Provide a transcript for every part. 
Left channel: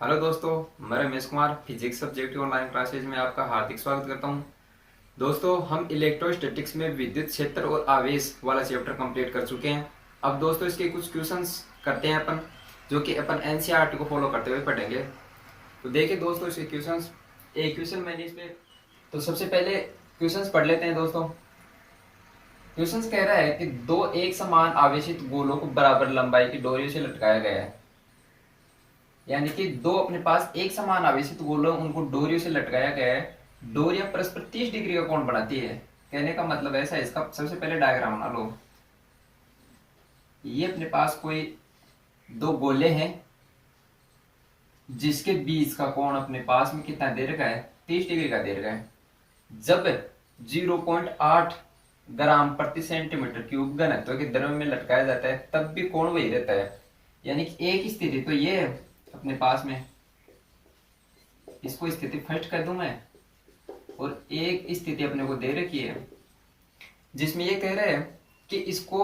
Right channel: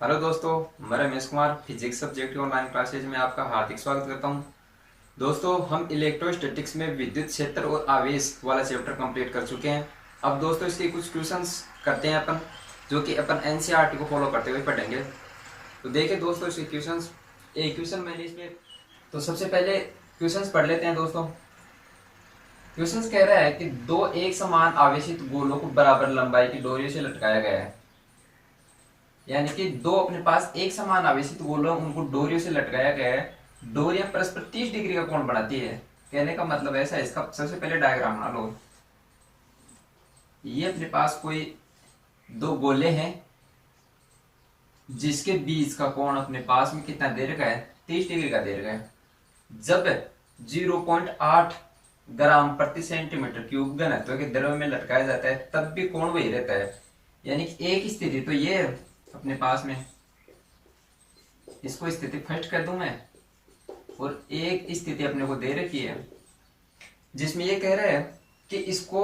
Hello दोस्तों, मैं Ramesh Kumar physics subject online classes में आपका हार्दिक स्वागत करता हूं। दोस्तों, हम इलेक्ट्रोस्टैटिक्स में विद्युत क्षेत्र और आवेश वाला चैप्टर कंप्लीट कर चुके हैं। अब दोस्तों इसके कुछ क्वेश्चंस करते हैं अपन, जो कि अपन एनसीईआरटी को फॉलो करते हुए पढ़ेंगे। तो देखिए दोस्तों, इसके क्वेश्चंस एक क्वेश्चन मैंने इसमें, तो सबसे पहले क्वेश्चंस पढ़ लेते हैं दोस्तों। क्वेश्चंस कह रहा है कि दो एक समान आवेशित गोलों को बराबर लंबाई की डोरियों से लटकाया गया है। यानी कि दो अपने पास एक समान आवेशित गोलों, उनको डोरियों से लटकाया गया है। डोरियां परस्पर 30 डिग्री का कोण बनाती है। कहने का मतलब ऐसा है, इसका सबसे पहले डायग्राम बना लो। ये अपने पास कोई दो गोले हैं जिसके बीच का कोण अपने पास में कितना दे रखा है, 30 डिग्री का दे रखा है। जब 0.8 ग्राम प्रति सेंटीमीटर क्यूब घनत्व के द्रव्य में लटकाया जाता है तब भी कोण वही रहता है। यानी कि एक स्थिति तो ये है अपने पास में, इसको स्थिति फर्स्ट कर दूं मैं, और एक स्थिति अपने को दे रखी है जिसमें ये कह रहा है कि इसको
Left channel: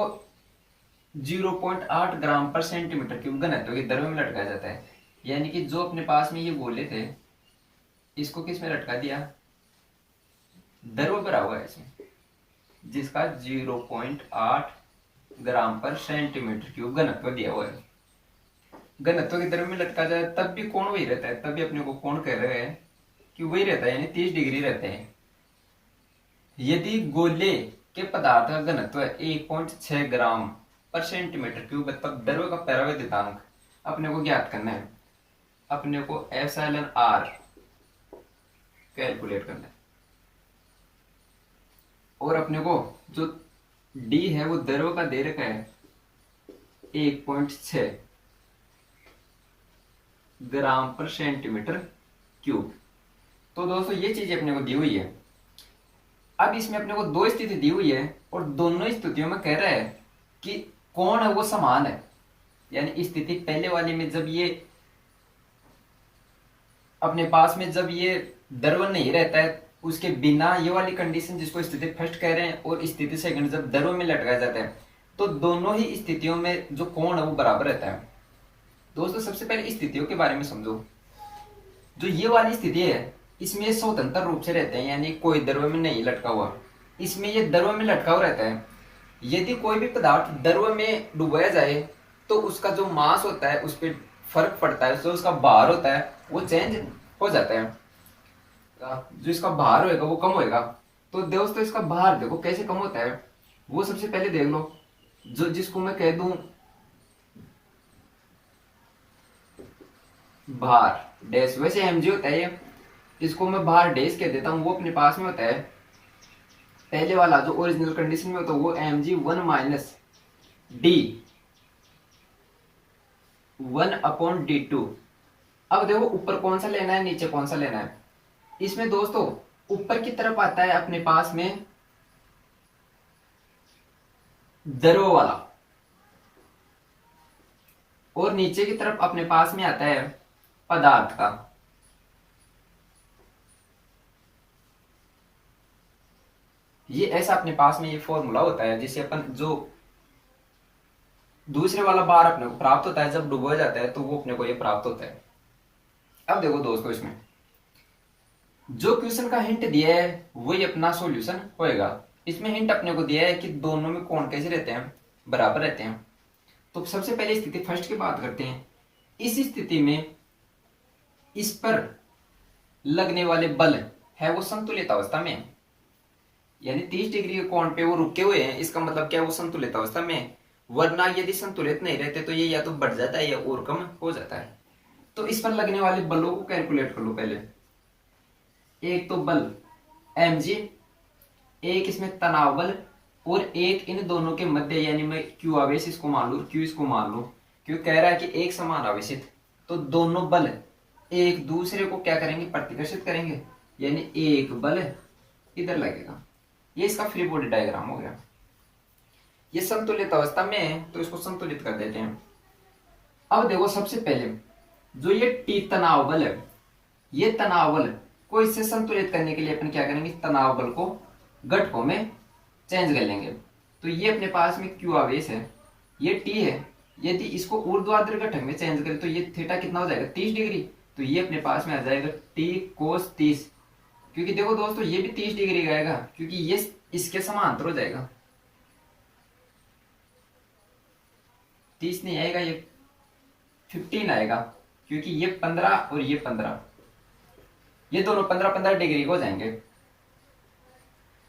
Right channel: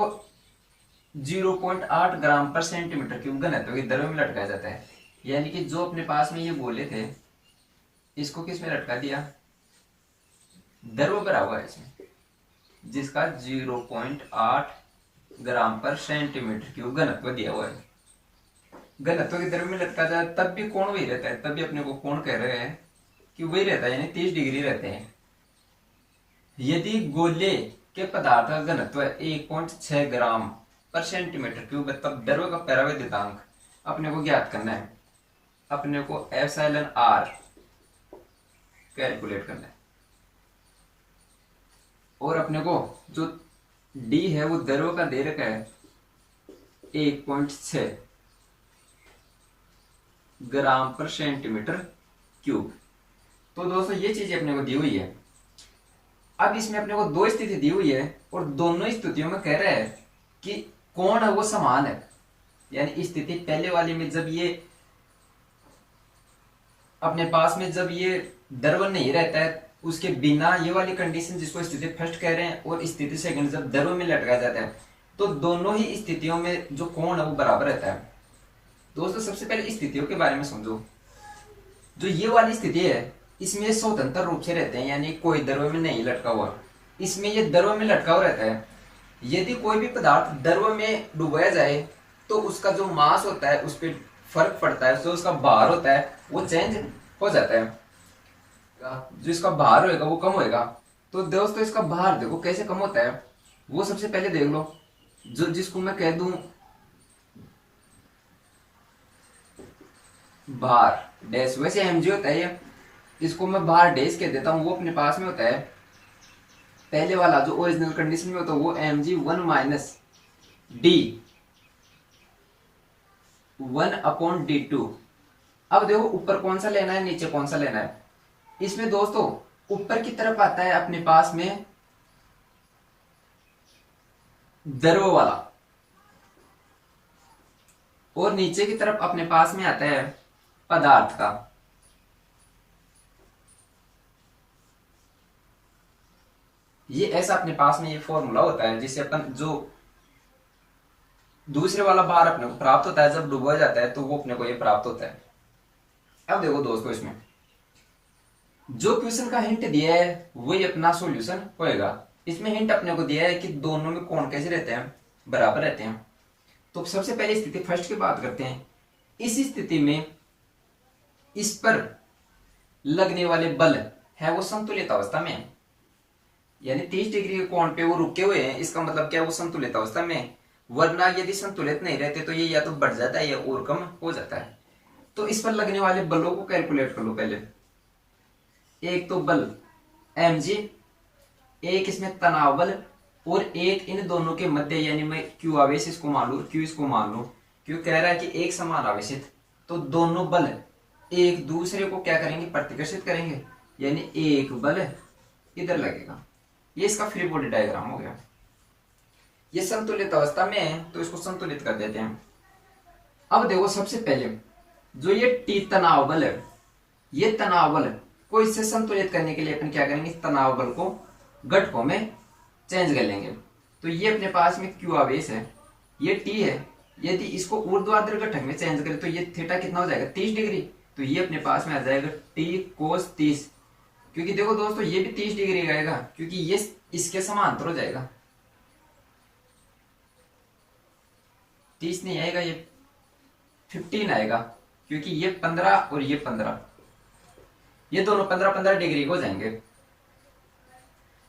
0.8 ग्राम पर सेंटीमीटर क्यूब घनत्व के द्रव्य में लटकाया जाता है। यानी कि जो अपने पास में ये गोले थे, इसको किस में लटका दिया, द्रव्य भरा हुआ है इसमें, जिसका 0.8 ग्राम पर सेंटीमीटर क्यूब घनत्व दिया हुआ है। घनत्व के द्रव्य में लटका जाए तब भी कोण वही रहता है, तब भी अपने को कोण कह रहे हैं कि वही रहता है, यानी 30 डिग्री रहते हैं। यदि गोले के पदार्थ का घनत्व 1.6 ग्राम पर सेंटीमीटर क्यूब है तब द्रव्य का परावैद्युतांक अपने को ज्ञात करना है। अपने को एप्सिलॉन आर कैलकुलेट करना है, और अपने को जो डी है वो द्रव्य का दे रखा है 1.6 ग्राम पर सेंटीमीटर क्यूब। तो दोस्तों ये चीज अपने को दी हुई है। अब इसमें अपने को दो स्थिति दी हुई है और दोनों स्थितियों में कह रहा है कि कोण है वो समान है। यानी स्थिति पहले वाली में जब ये अपने पास में जब ये द्रव्य नहीं रहता है, उसके बिना ये वाली कंडीशन जिसको स्थिति फर्स्ट कह रहे हैं, और स्थिति सेकंड जब द्रव्य में लटकाया जाता है तो दोनों ही स्थितियों में जो कोण है वो बराबर रहता है। दोस्तों सबसे पहले स्थितियों के बारे में समझो। जो ये वाली स्थिति है इसमें स्वतंत्र रूप से रहते हैं, यानी कोई द्रव्य में नहीं लटका हुआ, इसमें ये द्रव्य में लटका हुआ रहता है। यदि कोई भी पदार्थ द्रव्य में डुबाया जाए तो उसका जो मास होता है उस पर फर्क पड़ता है, जो उसका भार होता है वो चेंज हो जाता है। जो इसका भार होगा वो कम होगा। तो दोस्तों इसका भार देखो कैसे कम होता है, वो सबसे पहले देख लो। जो जिसको मैं कह दूं भार डैश, वैसे एमजी होता है ये, इसको मैं भार डैश कह देता हूं। वो अपने पास में होता है पहले वाला जो ओरिजिनल कंडीशन में होता है वो mg 1 माइनस डी 1/d2। अब देखो ऊपर कौन सा लेना है, नीचे कौन सा लेना है। इसमें दोस्तों ऊपर की तरफ आता है अपने पास में द्रव्य वाला, और नीचे की तरफ अपने पास में आता है पदार्थ का। ये ऐसा अपने पास में ये फॉर्मूला होता है जिससे अपन जो दूसरे वाला बार अपने को प्राप्त होता है जब डूबा जाता है तो वो अपने को ये प्राप्त होता है। अब देखो दोस्तों, इसमें जो क्वेश्चन का हिंट दिया है वही अपना सॉल्यूशन होएगा। इसमें हिंट अपने को दिया है कि दोनों में कोण कैसे रहते हैं, बराबर रहते हैं। तो सबसे पहले स्थिति फर्स्ट की बात करते हैं। इस स्थिति में इस पर लगने वाले बल है वो संतुलित अवस्था में, यानी 30 डिग्री के कोण पे वो रुके हुए हैं। इसका मतलब क्या, वो संतुलित अवस्था में। वरना यदि संतुलित नहीं रहते तो ये या तो बढ़ जाता है या और कम हो जाता है। तो इस पर लगने वाले बलों को कैलकुलेट कर लो पहले। एक तो बल mg, एक इसमें तनाव बल, और एक इन दोनों के मध्य, यानी मैं q आवेश इसको मान लू, q इसको मान लू, क्यों कह रहा है कि एक समान आवेशित, तो दोनों बल एक दूसरे को क्या करेंगे, प्रतिकर्षित करेंगे। यानी एक बल इधर लगेगा। ये इसका फ्री बॉडी डायग्राम हो गया। ये संतुलित अवस्था में है तो इसको संतुलित कर देते हैं। अब देखो सबसे पहले जो ये टी तनाव बल है, ये तनाव बल को इससे संतुलित करने के लिए अपन क्या करेंगे, तनाव बल को घटकों में चेंज कर लेंगे। तो ये अपने पास में क्यू आवेश है, ये टी है। यदि इसको ऊर्ध्वाधर घटक में चेंज करें तो ये थीटा कितना हो जाएगा, 30 डिग्री। तो ये अपने पास में आ जाएगा टी कोस 30, क्योंकि देखो दोस्तों ये भी 30 डिग्री का आएगा क्योंकि ये इसके समांतर हो जाएगा। 30 नहीं आएगा, ये 15 आएगा, क्योंकि ये 15 और ये 15, ये दोनों 15-15 डिग्री को हो जाएंगे।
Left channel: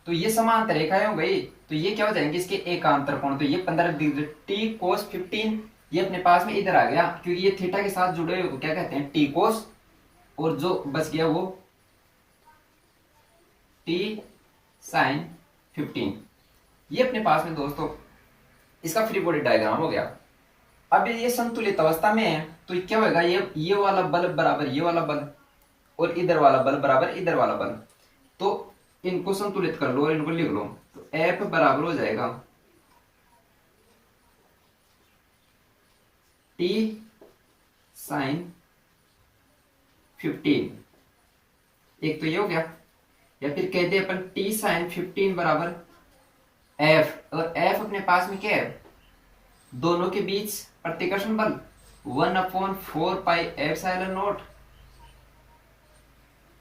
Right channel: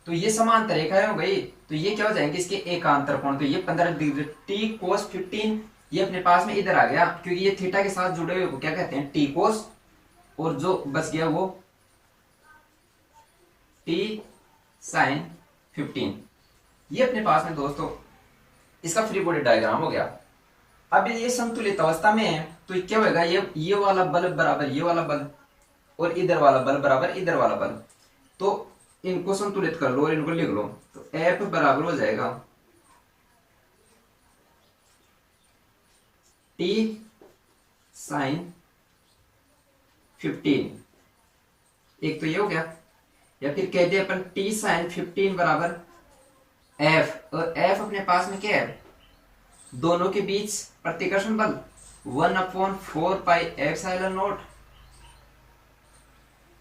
तो ये समांतर रेखाएं हो गई, तो ये क्या हो जाएंगे इसके एकांतर कोण, तो ये 15 डिग्री टी कोस 15 ये अपने पास में इधर आ गया, क्योंकि ये थीटा के साथ जुड़े हुए को क्या कहते हैं टी कोस, और जो बच गया वो टी साइन 15। ये अपने पास में दोस्तों इसका फ्री बॉडी डायग्राम हो गया। अब ये संतुलित अवस्था में है तो क्या होगा, ये वाला बल बराबर ये वाला बल और इधर वाला बल बराबर इधर वाला बल, तो इनको संतुलित कर लो और इनको लिख लो। तो F बराबर हो जाएगा T साइन 15, एक तो ये हो गया, या फिर कह दे अपन T साइन 15 बराबर F, और F अपने पास में क्या है, दोनों के बीच प्रतिकर्षण बल 1/4 pi epsilon not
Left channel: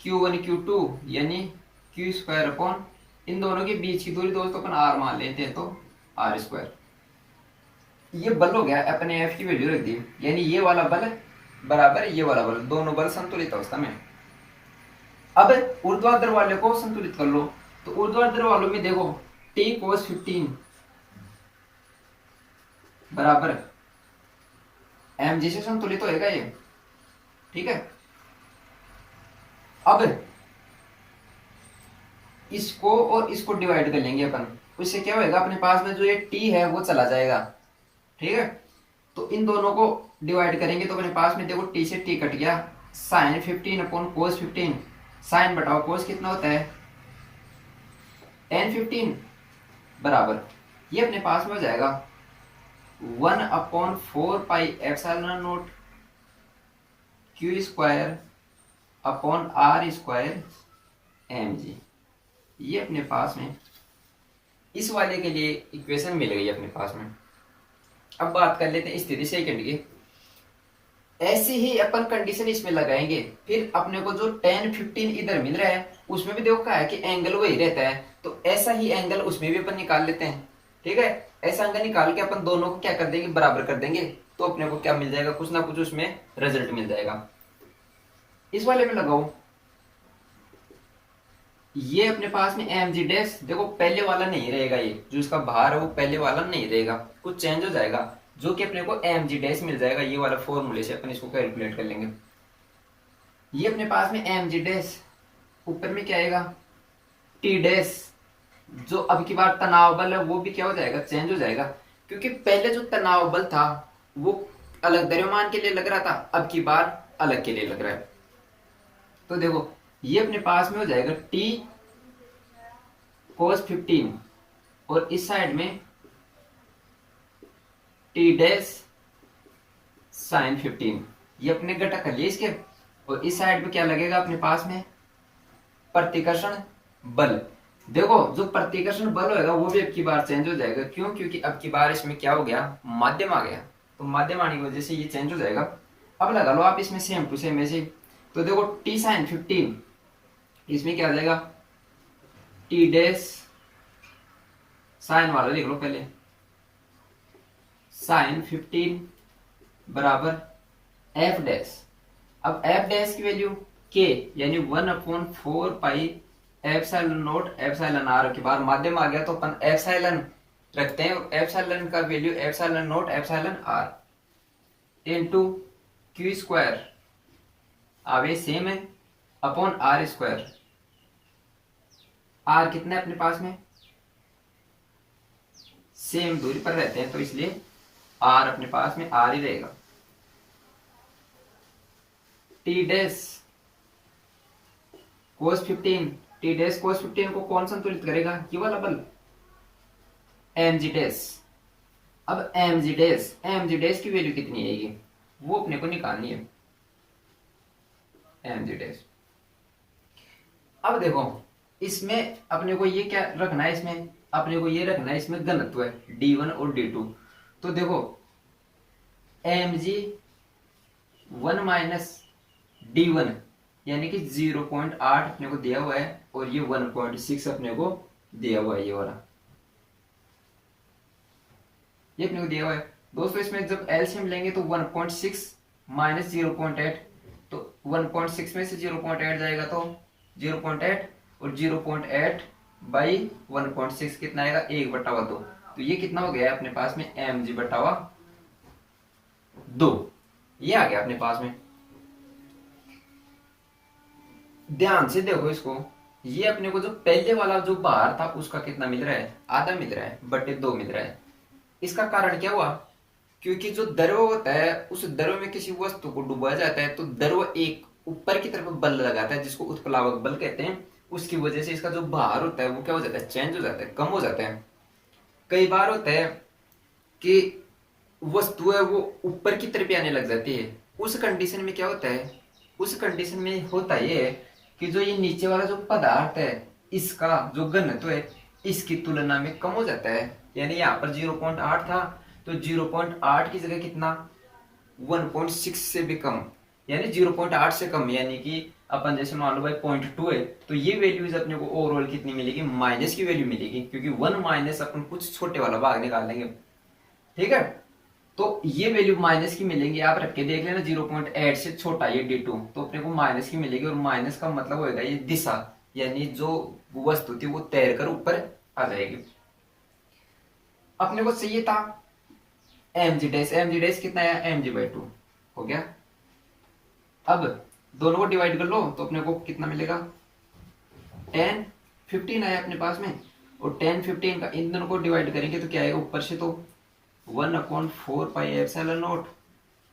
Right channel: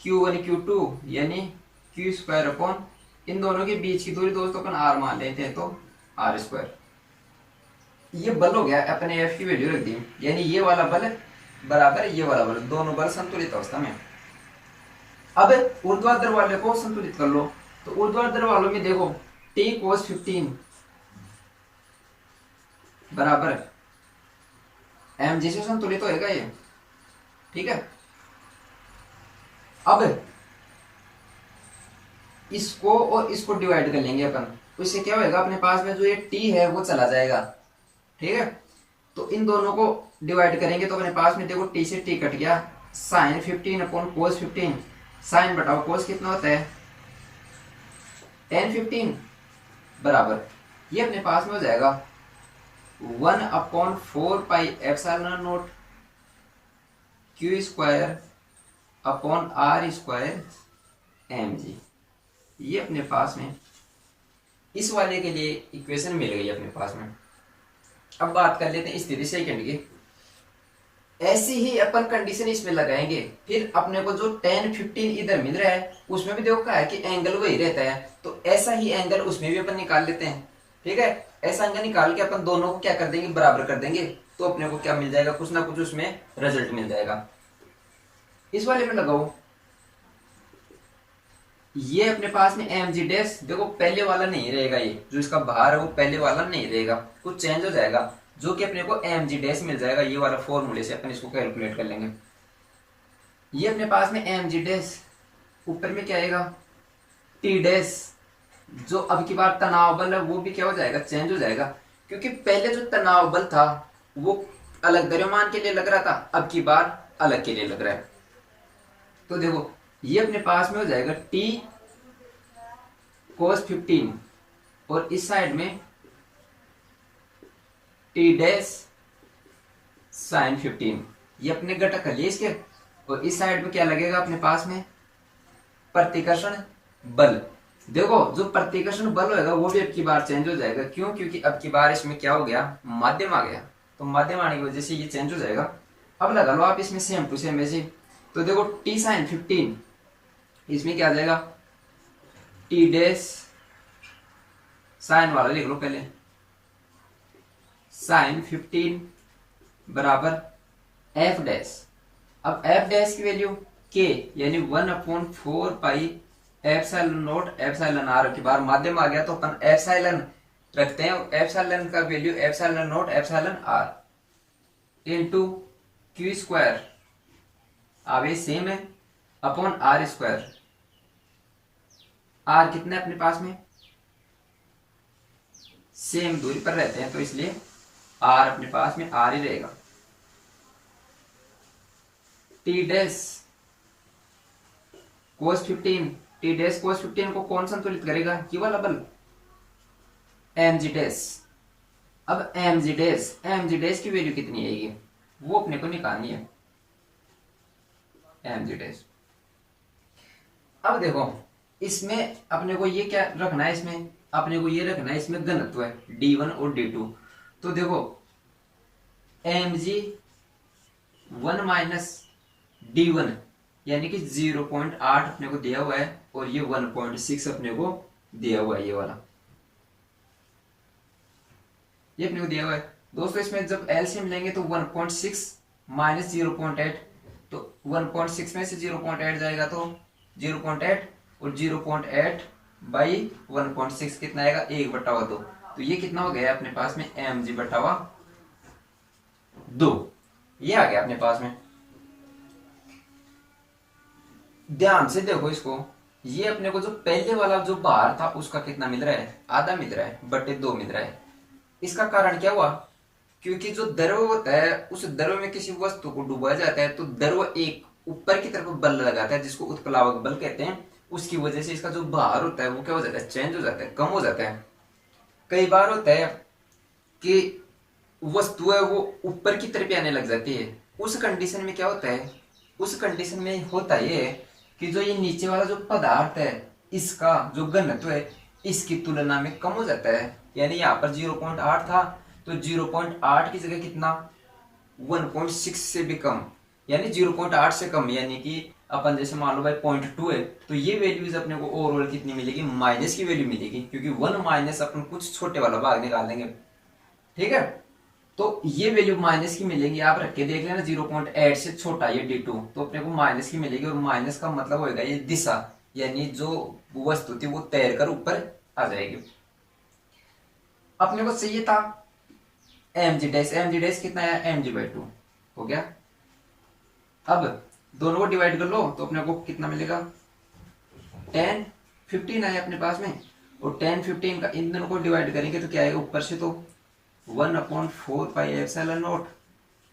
Q1 Q2 यानी Q स्क्वायर अपॉन इन दोनों के बीच की दूरी दोस्तों अपन R मान लेते हैं तो R स्क्वायर। ये बल हो गया, अपने F की वैल्यू रख दी, यानी ये वाला बल बराबर ये वाला बल, दोनों बल संतुलित अवस्था में। अब ऊर्ध्वाधर वाले को संतुलित कर लो, तो ऊर्ध्वाधर वालों में देखो T cos 15 बराबर mg से संतुलित होएगा ये, ठीक है। अब इसको और इसको डिवाइड कर लेंगे अपन, उससे क्या होएगा अपने पास में जो ये t है वो चला जाएगा, ठीक है। तो इन दोनों को डिवाइड करेंगे तो अपने पास में देखो t से t कट गया, साइन 15 अपॉन कोस 15, साइन बटाओ कोस कितना होता है tan 15 बराबर ये अपने पास में हो जाएगा 1/4 pi epsilon not Q square upon R square mg। ये अपने पास में इस वाले के लिए इक्वेशन मिल गई अपने पास में। अब बात कर लेते हैं स्थिति सेकंड की। ऐसी ही अपन कंडीशन इसमें लगाएंगे, फिर अपने को जो tan 15 इधर मिल रहा है उसमें भी देखो क्या है कि एंगल वही रहता है, तो ऐसा ही एंगल उसमें भी अपन निकाल लेते हैं, ठीक है। ऐसा एंगल निकाल के अपन दोनों को क्या कर देंगे, बराबर कर देंगे, तो अपने को क्या मिल जाएगा, कुछ ना कुछ उसमें रिजल्ट मिल जाएगा। इस वाले में लगाओ, ये अपने पास में mg डैश देखो पहले वाला नहीं रहेगा, ये जो इसका भार है वो पहले वाला नहीं रहेगा, कुछ चेंज हो जाएगा, जो कि अपने को mg डैश मिल जाएगा। ये वाला फॉर्मूले से अपन इसको कैलकुलेट कर लेंगे। ये अपने पास में mg डैश, ऊपर में क्या आएगा t डैश, जो अब की बार तनाव बल है वो भी क्या हो जाएगा, चेंज हो जाएगा, क्योंकि पहले जो तनाव बल था वो अलग द्रव्यमान के लिए लग रहा था, अब की बार अलग के लिए लग रहा है। तो देखो ये अपने पास में हो जाएगा t cos 15 और इस साइड में t डैश साइन 15, ये अपने घटक कर लिए इसके, और इस साइड में क्या लगेगा अपने पास में प्रतिकर्षण बल। देखो जो प्रतिकर्षण बल होगा वो भी अब की बार चेंज हो जाएगा, क्यों, क्योंकि अब की बार इसमें क्या हो गया, माध्यम आ गया, तो माध्यम आने की वजह से ये चेंज हो जाएगा। अब लगा लो आप इसमें सेम टू सेम ऐसे, तो देखो t साइन 15 इसमें क्या आ जाएगा t डैश साइन वाला लिख लो पहले, साइन 15 बराबर f डैश। अब f डैश की वैल्यू k यानी 1/4 pi epsilon not epsilon r के बाद माध्यम आ गया, तो अपन एप्सिलॉन रखते हैं, एप्सिलॉन का value epsilon not epsilon r into q square, अब ये सेम है, अपॉन r स्क्वायर। r कितना है अपने पास में, सेम दूरी पर रहते हैं तो इसलिए r अपने पास में r ही रहेगा। t dash cos 15, t dash cos 15 को कौन संतुलित करेगा, ये वाला बल mg डैश। अब mg डैश की वैल्यू कितनी आएगी वो अपने को निकालनी है, mg डैश। अब देखो इसमें अपने को ये क्या रखना है, इसमें अपने को ये रखना है, इसमें घनत्व है d1 और d2। तो देखो mg 1 माइनस D1 यानी कि 0.8 अपने को दिया हुआ है और ये 1.6 अपने को दिया हुआ है, ये वाला ये अपने को दिया हुआ है। दोस्तों इसमें जब एलसीएम लेंगे तो 1.6 माइनस 0.8, तो 1.6 में से 0.8 जाएगा तो 0.8 और 0.8 बाई 1.6 कितना आएगा 1/2। तो ये कितना हो गया अपने पास में mg/2, ये आ गया अपने पास में। ध्यान से देखो इसको, ये अपने को जो पहले वाला जो बाहर था उसका कितना मिल रहा है, आधा मिल रहा है बटे 2 मिल रहा है। इसका कारण क्या हुआ, क्योंकि जो द्रव होता है उस द्रव में किसी वस्तु को डुबाया जाता है तो द्रव एक ऊपर की तरफ बल लगाता है जिसको उत्प्लावक बल कहते हैं। उसकी वजह से इसका जो भार होता है वो क्या हो जाता है, चेंज हो जाता है, कम हो जाता है। कई बार होता है कि वस्तु है वो ऊपर की तरफ आने लग जाती है, उस कंडीशन में क्या होता है, उस कंडीशन में होता ये है कि जो ये नीचे वाला जो पदार्थ है इसका जो घनत्व है इसकी तुलना में कम हो जाता है। यानी यहाँ पर 0.8 था तो 0.8 की जगह कितना 1.6 से भी कम, यानी 0.8 से कम, यानी कि अपन जैसे मान लो भाई 0.2 है तो ये वैल्यूज अपने को ओवरऑल कितनी मिलेगी, माइनस की वैल्यू मिलेगी, क्योंकि 1 माइनस अपन कुछ छोटे वाला भाग निकाल लेंगे, ठीक है। तो ये वैल्यू माइनस की मिलेगी, आप रख के देख लेना 0.8 से छोटा ये D2 तो अपने को माइनस की मिलेगी, और माइनस का मतलब होगा ये दिशा, यानी जो वस्तु थी वो तैर कर ऊपर आ जाएगी। अपने को चाहिए था mg कितना है mg/2 हो गया। अब दोनों को डिवाइड कर लो तो अपने को कितना मिलेगा 10 15 है अपने पास में, और 10 15 का इन दोनों को डिवाइड करेंगे तो क्या आएगा, ऊपर से तो 1/4 pi epsilon not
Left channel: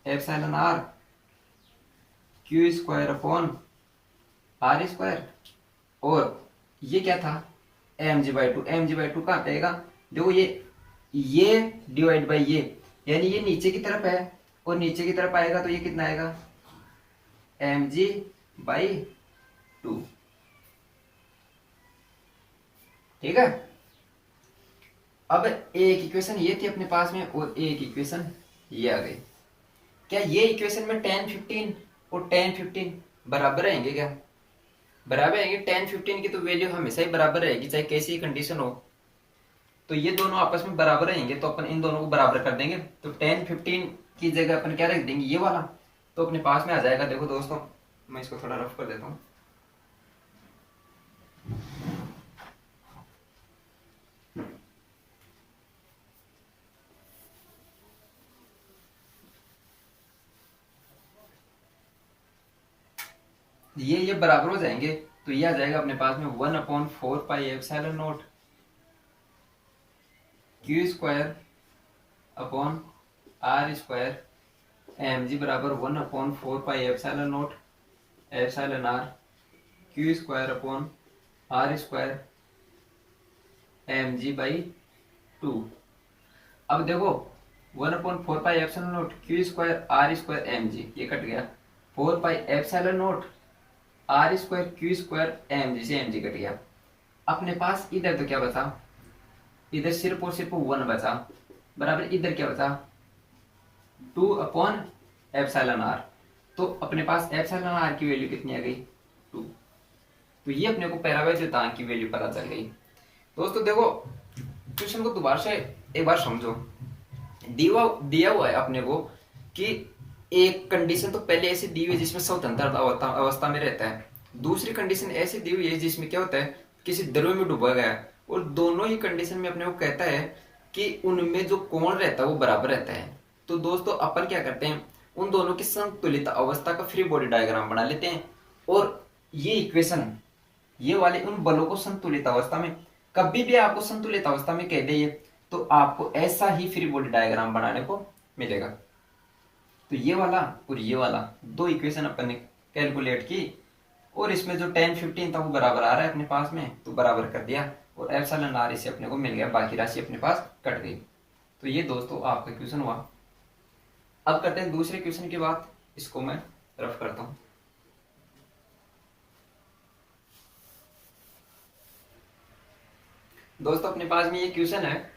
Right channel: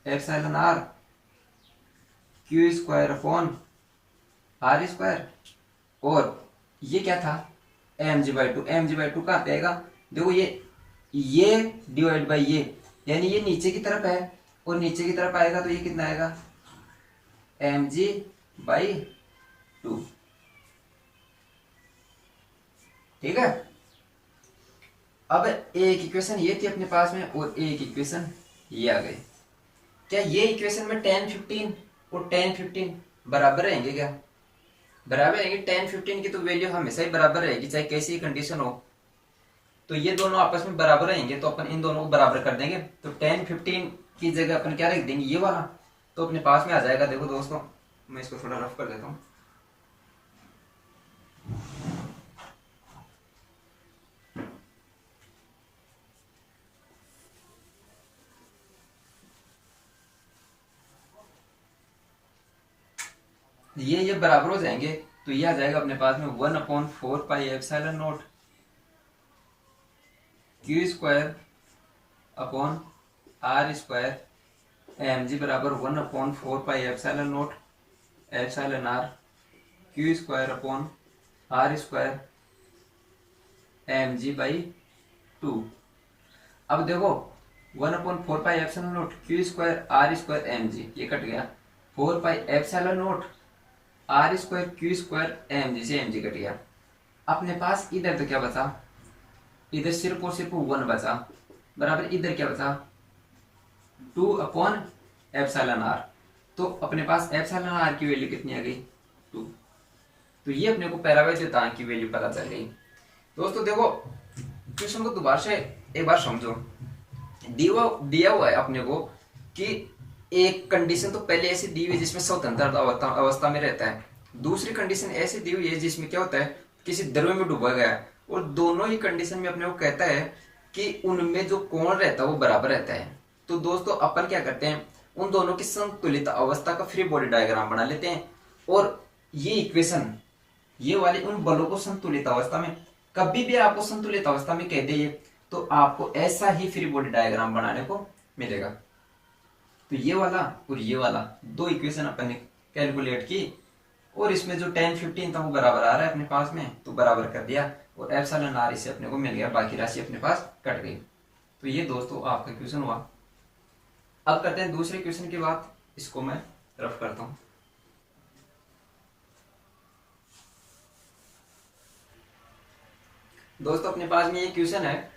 epsilon r q square upon r square, और ये क्या था mg/2 कहाँ पे आएगा, देखो ये डिवाइड बाई ये, यानी ये नीचे की तरफ है और नीचे की तरफ आएगा तो ये कितना आएगा mg/2, ठीक है। अब एक इक्वेशन ये थी अपने पास में और एक इक्वेशन ये आ गई। क्या ये इक्वेशन में 10 15 और 10 15 बराबर रहेंगे, क्या बराबर रहेंगे, 10 15 की तो वैल्यू हमेशा ही बराबर रहेगी चाहे कैसी कंडीशन हो, तो ये दोनों आपस में बराबर रहेंगे तो अपन इन दोनों को बराबर कर देंगे। तो 10 15 की जगह अपन क्या रख देंगे, ये वाला, तो अपने पास में आ जाएगा। देखो दोस्तों मैं इसको थोड़ा रफ कर देता हूं, ये बराबर हो जाएंगे तो ये आ जाएगा अपने पास में 1/4 pi epsilon not q square upon r square mg बराबर 1/4 pi epsilon not epsilon r q square upon r square mg/2। अब देखो 1/4 pi epsilon not q square r square mg ये कट गया, 4 pi epsilon not r square q square mg से mg cut गया। अपने पास इधर तो क्या बचा, इधर सिर्फ और सिर्फ 1 बचा, बराबर इधर क्या बचा 2/एप्सिलॉन r, तो अपने पास एप्सिलॉन r की वैल्यू कितनी आ गई 2, तो ये अपने को पैरावैद्युतांक की वैल्यू पता चल गई। दोस्तों देखो क्वेश्चन को दोबारा से एक बार समझो, दिया हुआ है अपने को कि एक कंडीशन तो पहले ऐसी दी हुई है जिसमें स्वतंत्र अवस्था में रहता है, दूसरी कंडीशन ऐसी दी हुई है जिसमें क्या होता है किसी द्रव में डूबा गया है, और दोनों ही कंडीशन में अपने को कहता है कि उनमें जो कोण रहता है वो बराबर रहता है। तो दोस्तों अपन क्या करते हैं, उन दोनों की संतुलित अवस्था का फ्री बॉडी डायग्राम बना लेते हैं, और ये इक्वेशन ये वाले उन बलों को संतुलित अवस्था में, कभी भी आपको संतुलित अवस्था में कह दे तो आपको ऐसा ही फ्री बॉडी डायग्राम बनाने को मिलेगा। तो ये वाला और ये वाला दो इक्वेशन अपन ने कैलकुलेट की, और इसमें जो 10 15 था वो बराबर आ रहा है अपने पास में, तो बराबर कर दिया, और एप्सिलॉन r इसे अपने को मिल गया, बाकी राशि अपने पास कट गई। तो ये दोस्तों आपका क्वेश्चन हुआ। अब करते हैं दूसरे क्वेश्चन की बात, इसको मैं रफ करता हूं। दोस्तों अपने पास में ये क्वेश्चन है,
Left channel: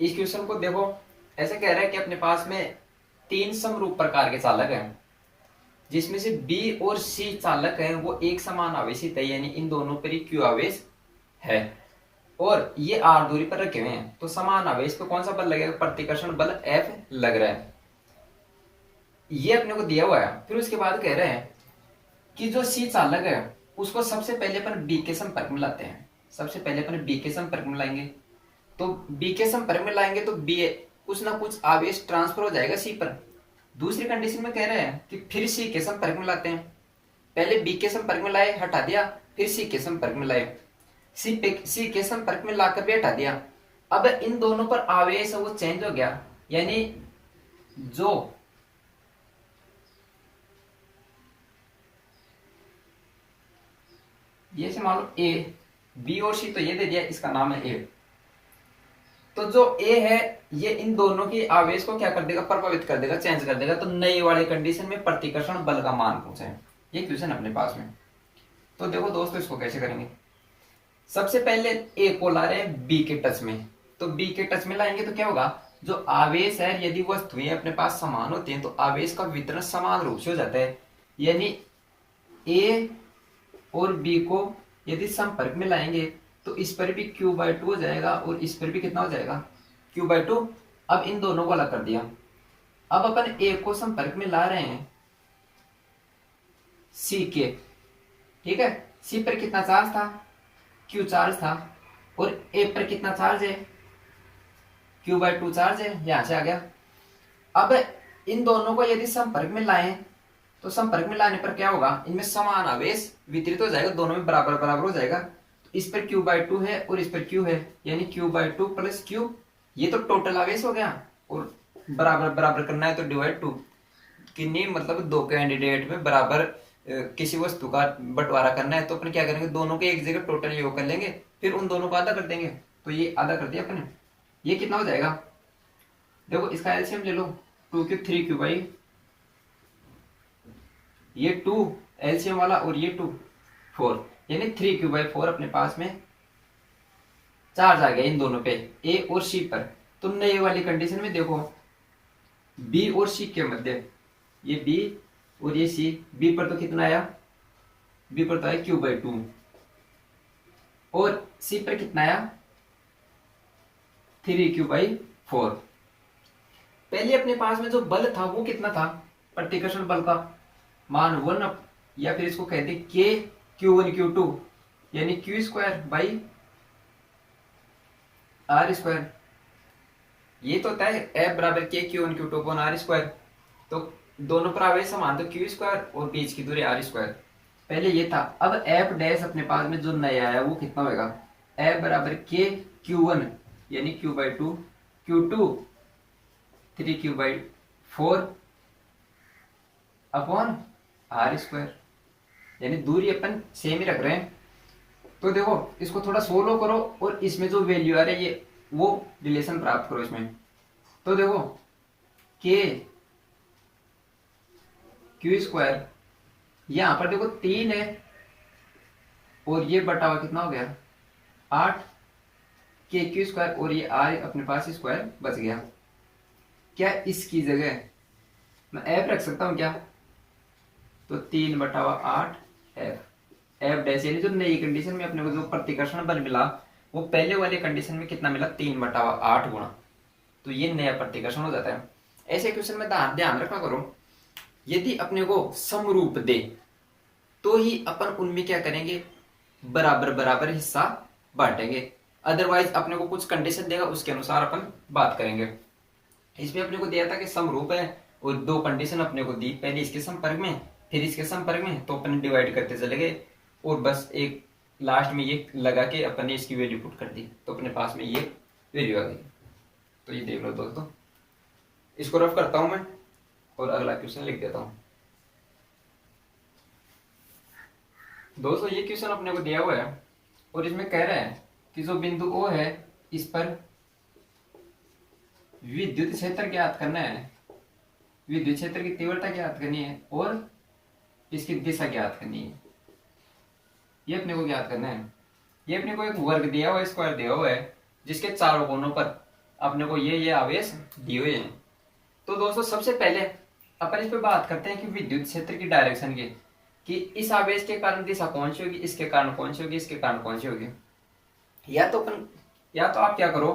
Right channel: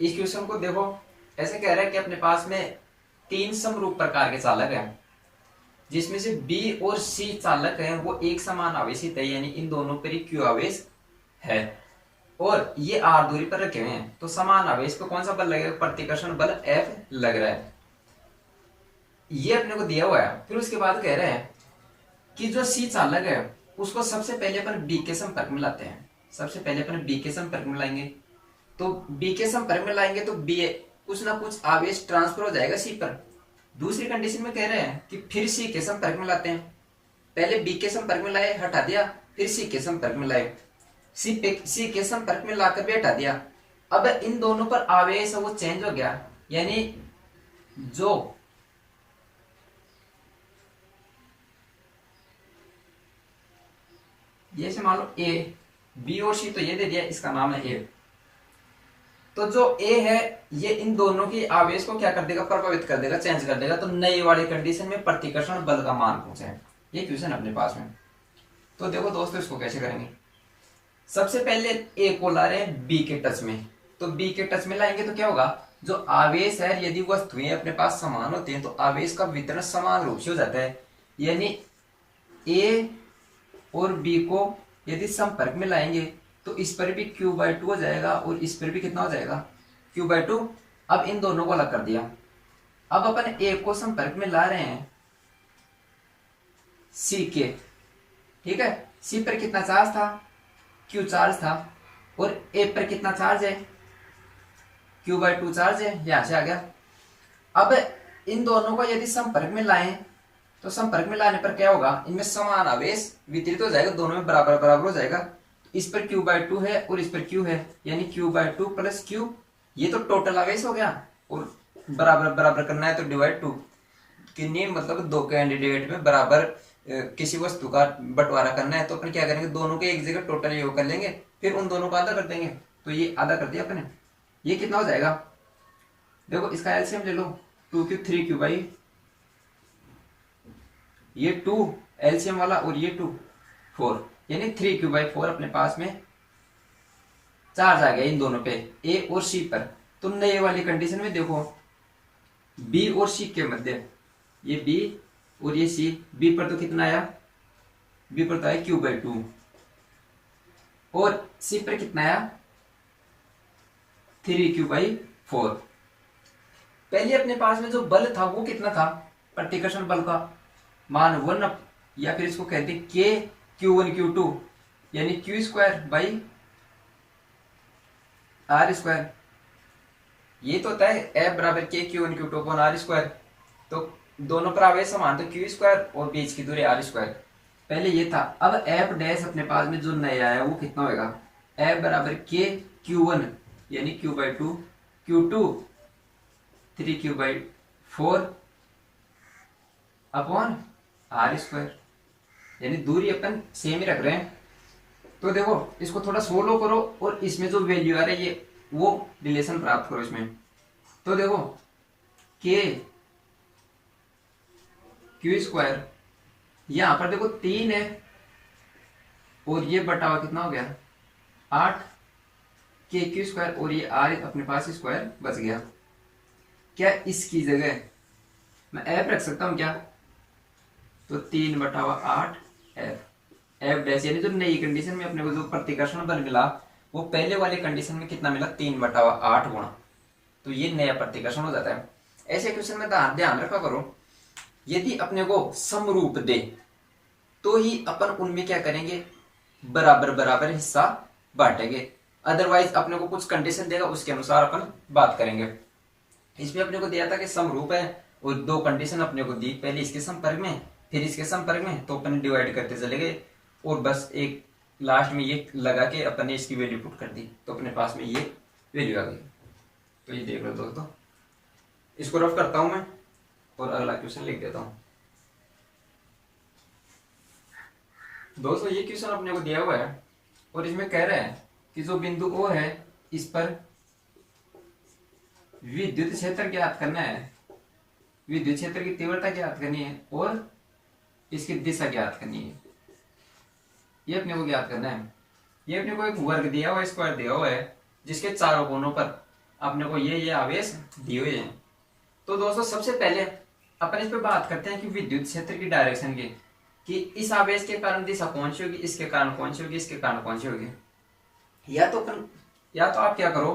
इस क्वेश्चन को देखो ऐसे कह रहा है कि अपने पास में 3 समरूप प्रकार के चालक हैं जिसमें से बी और सी चालक हैं वो एक समान आवेशित है, यानी इन दोनों पर ही क्यू आवेश है और ये आर दूरी पर रखे हुए हैं, तो समान आवेश पे कौन सा बल लगेगा, प्रतिकर्षण बल एफ लग रहा है। ये अपने को दिया हुआ है। फिर उसके बाद कह रहे हैं कि जो सी चालक है उसको सबसे पहले अपन बी के संपर्क में लाते हैं। सबसे पहले अपन बी के संपर्क में लाएंगे, तो बी के संपर्क में लाएंगे तो बी कुछ ना कुछ आवेश ट्रांसफर हो जाएगा सी पर। दूसरी कंडीशन में कह रहे हैं कि फिर सी के संपर्क में लाते हैं। पहले बी के संपर्क में लाए, हटा दिया, फिर सी के संपर्क में लाए, सी के संपर्क में लाकर भी हटा दिया। अब इन दोनों पर आवेश वो चेंज हो गया, यानी जो ये से मान लो ए, बी और सी तो ये दे दिया, इसका नाम है ए। तो जो ए है ये इन दोनों की आवेश को क्या कर देगा, प्रभावित कर देगा, चेंज कर देगा। तो नई वाली कंडीशन में प्रतिकर्षण बल का मान पूछे, ये क्वेश्चन अपने पास में। तो देखो दोस्तों इसको कैसे करेंगे। सबसे पहले ए को ला रहे हैं बी के टच में, तो बी के टच में लाएंगे तो क्या होगा, जो आवेश है यदि वस्तुएं अपने पास समान होती हैं तो आवेश का वितरण समान रूप से हो जाता है। यानी ए और बी को यदि संपर्क में लाएंगे तो इस पर भी Q/2 हो जाएगा और इस पर भी कितना हो जाएगा, Q/2। अब इन दोनों को अलग कर दिया। अब अपन ए को संपर्क में ला रहे हैं सी के, ठीक है। सी पर कितना चार्ज था, Q चार्ज था, और ए पर कितना चार्ज है, Q/2 चार्ज है, यहां से आ गया। अब इन दोनों को यदि संपर्क में लाएं तो संपर्क में लाने पर क्या होगा, इनमें समान आवेश वितरित हो जाएगा, दोनों में बराबर बराबर हो जाएगा। इस पर Q/2 है और इस पर Q है, यानी Q/2 प्लस Q, ये तो टोटल आवेश हो गया। और बराबर बराबर करना है तो डिवाइड 2, कितनी मतलब दो कैंडिडेट में बराबर किसी वस्तु का बंटवारा करना है तो अपन क्या करेंगे, दोनों के एक जगह टोटल योग कर लेंगे, फिर उन दोनों को आधा कर देंगे। तो ये आधा कर दिया अपने, ये कितना हो जाएगा, देखो इसका एलसीएम ले लो, 2Q 3Q बाई ये 2 एलसीएम वाला और ये 2 4, यानी 3Q/4 अपने पास में चार्ज आ गया इन दोनों पे, ए और सी पर। तो नए वाली कंडीशन में देखो बी और सी के मध्य, ये बी और ये सी, बी पर तो कितना आया, बी पर तो आया Q/2 और सी पर कितना आया 3Q/4। पहले अपने पास में जो बल था वो कितना था, प्रतिकर्षण बल का मान 1, या फिर इसको कहते हैं के Q1 Q2, यानी Q²/R²। ये तो होता है F बराबर के Q1 Q2 अपॉन R²। तो दोनों पर आवेश समान, तो Q² और बीच की दूरी R²। पहले ये था। अब F डैश अपने पास में जो नया है वो कितना होगा, F बराबर के Q1 यानी Q/2, Q2 3Q/4 upon R², यानी दूरी अपन सेम ही रख रहे हैं। तो देखो इसको थोड़ा सोलो करो और इसमें जो वैल्यू आ रही है ये वो रिलेशन प्राप्त करो इसमें। तो देखो के Q², यहां पर देखो 3 है और ये बटा हुआ कितना हो गया 8, के Q² और ये R अपने पास स्क्वायर बच गया। क्या इसकी जगह मैं F रख सकता हूं क्या, तो 3/8 F डैश, यानी जो नई कंडीशन में अपने को जो प्रतिकर्षण बल मिला वो पहले वाले कंडीशन में कितना मिला 3/8 गुणा, तो ये नया प्रतिकर्षण हो जाता है। ऐसे क्वेश्चन में ध्यान रखा करो, यदि अपने को समरूप दे तो ही अपन उनमें क्या करेंगे, बराबर बराबर हिस्सा बांटेंगे, अदरवाइज अपने को कुछ कंडीशन देगा उसके अनुसार अपन बात करेंगे। इसमें अपने को दिया था कि समरूप है और दो कंडीशन अपने को दी, पहले इसके संपर्क में फिर इसके संपर्क में, तो अपन डिवाइड करते चले गए और बस एक लास्ट में ये लगा के अपन ने इसकी वैल्यू पुट कर दी, तो अपने पास में ये वैल्यू आ गई। तो ये देख लो दोस्तों, इसको रफ करता हूं मैं और अगला क्वेश्चन लिख देता हूं। दोस्तों ये क्वेश्चन अपने को दिया हुआ है और इसमें कह रहे हैं कि जो बिंदु O है इस पर विद्युत क्षेत्र ज्ञात करना है, विद्युत क्षेत्र की तीव्रता ज्ञात करनी है और इसकी दिशा ज्ञात करनी है, ये अपने को ज्ञात करना है। ये अपने को एक वर्ग दिया हुआ है, स्क्वायर दिया हुआ है, जिसके चारों कोनों पर अपने को ये आवेश दिए हुए हैं। तो दोस्तों सबसे पहले अपन इस पे बात करते हैं कि विद्युत क्षेत्र की डायरेक्शन की, कि इस आवेश के कारण दिशा कौन सी होगी, इसके कारण कौन सी होगी, इसके कारण कौन सी होगी। या तो आप क्या करो,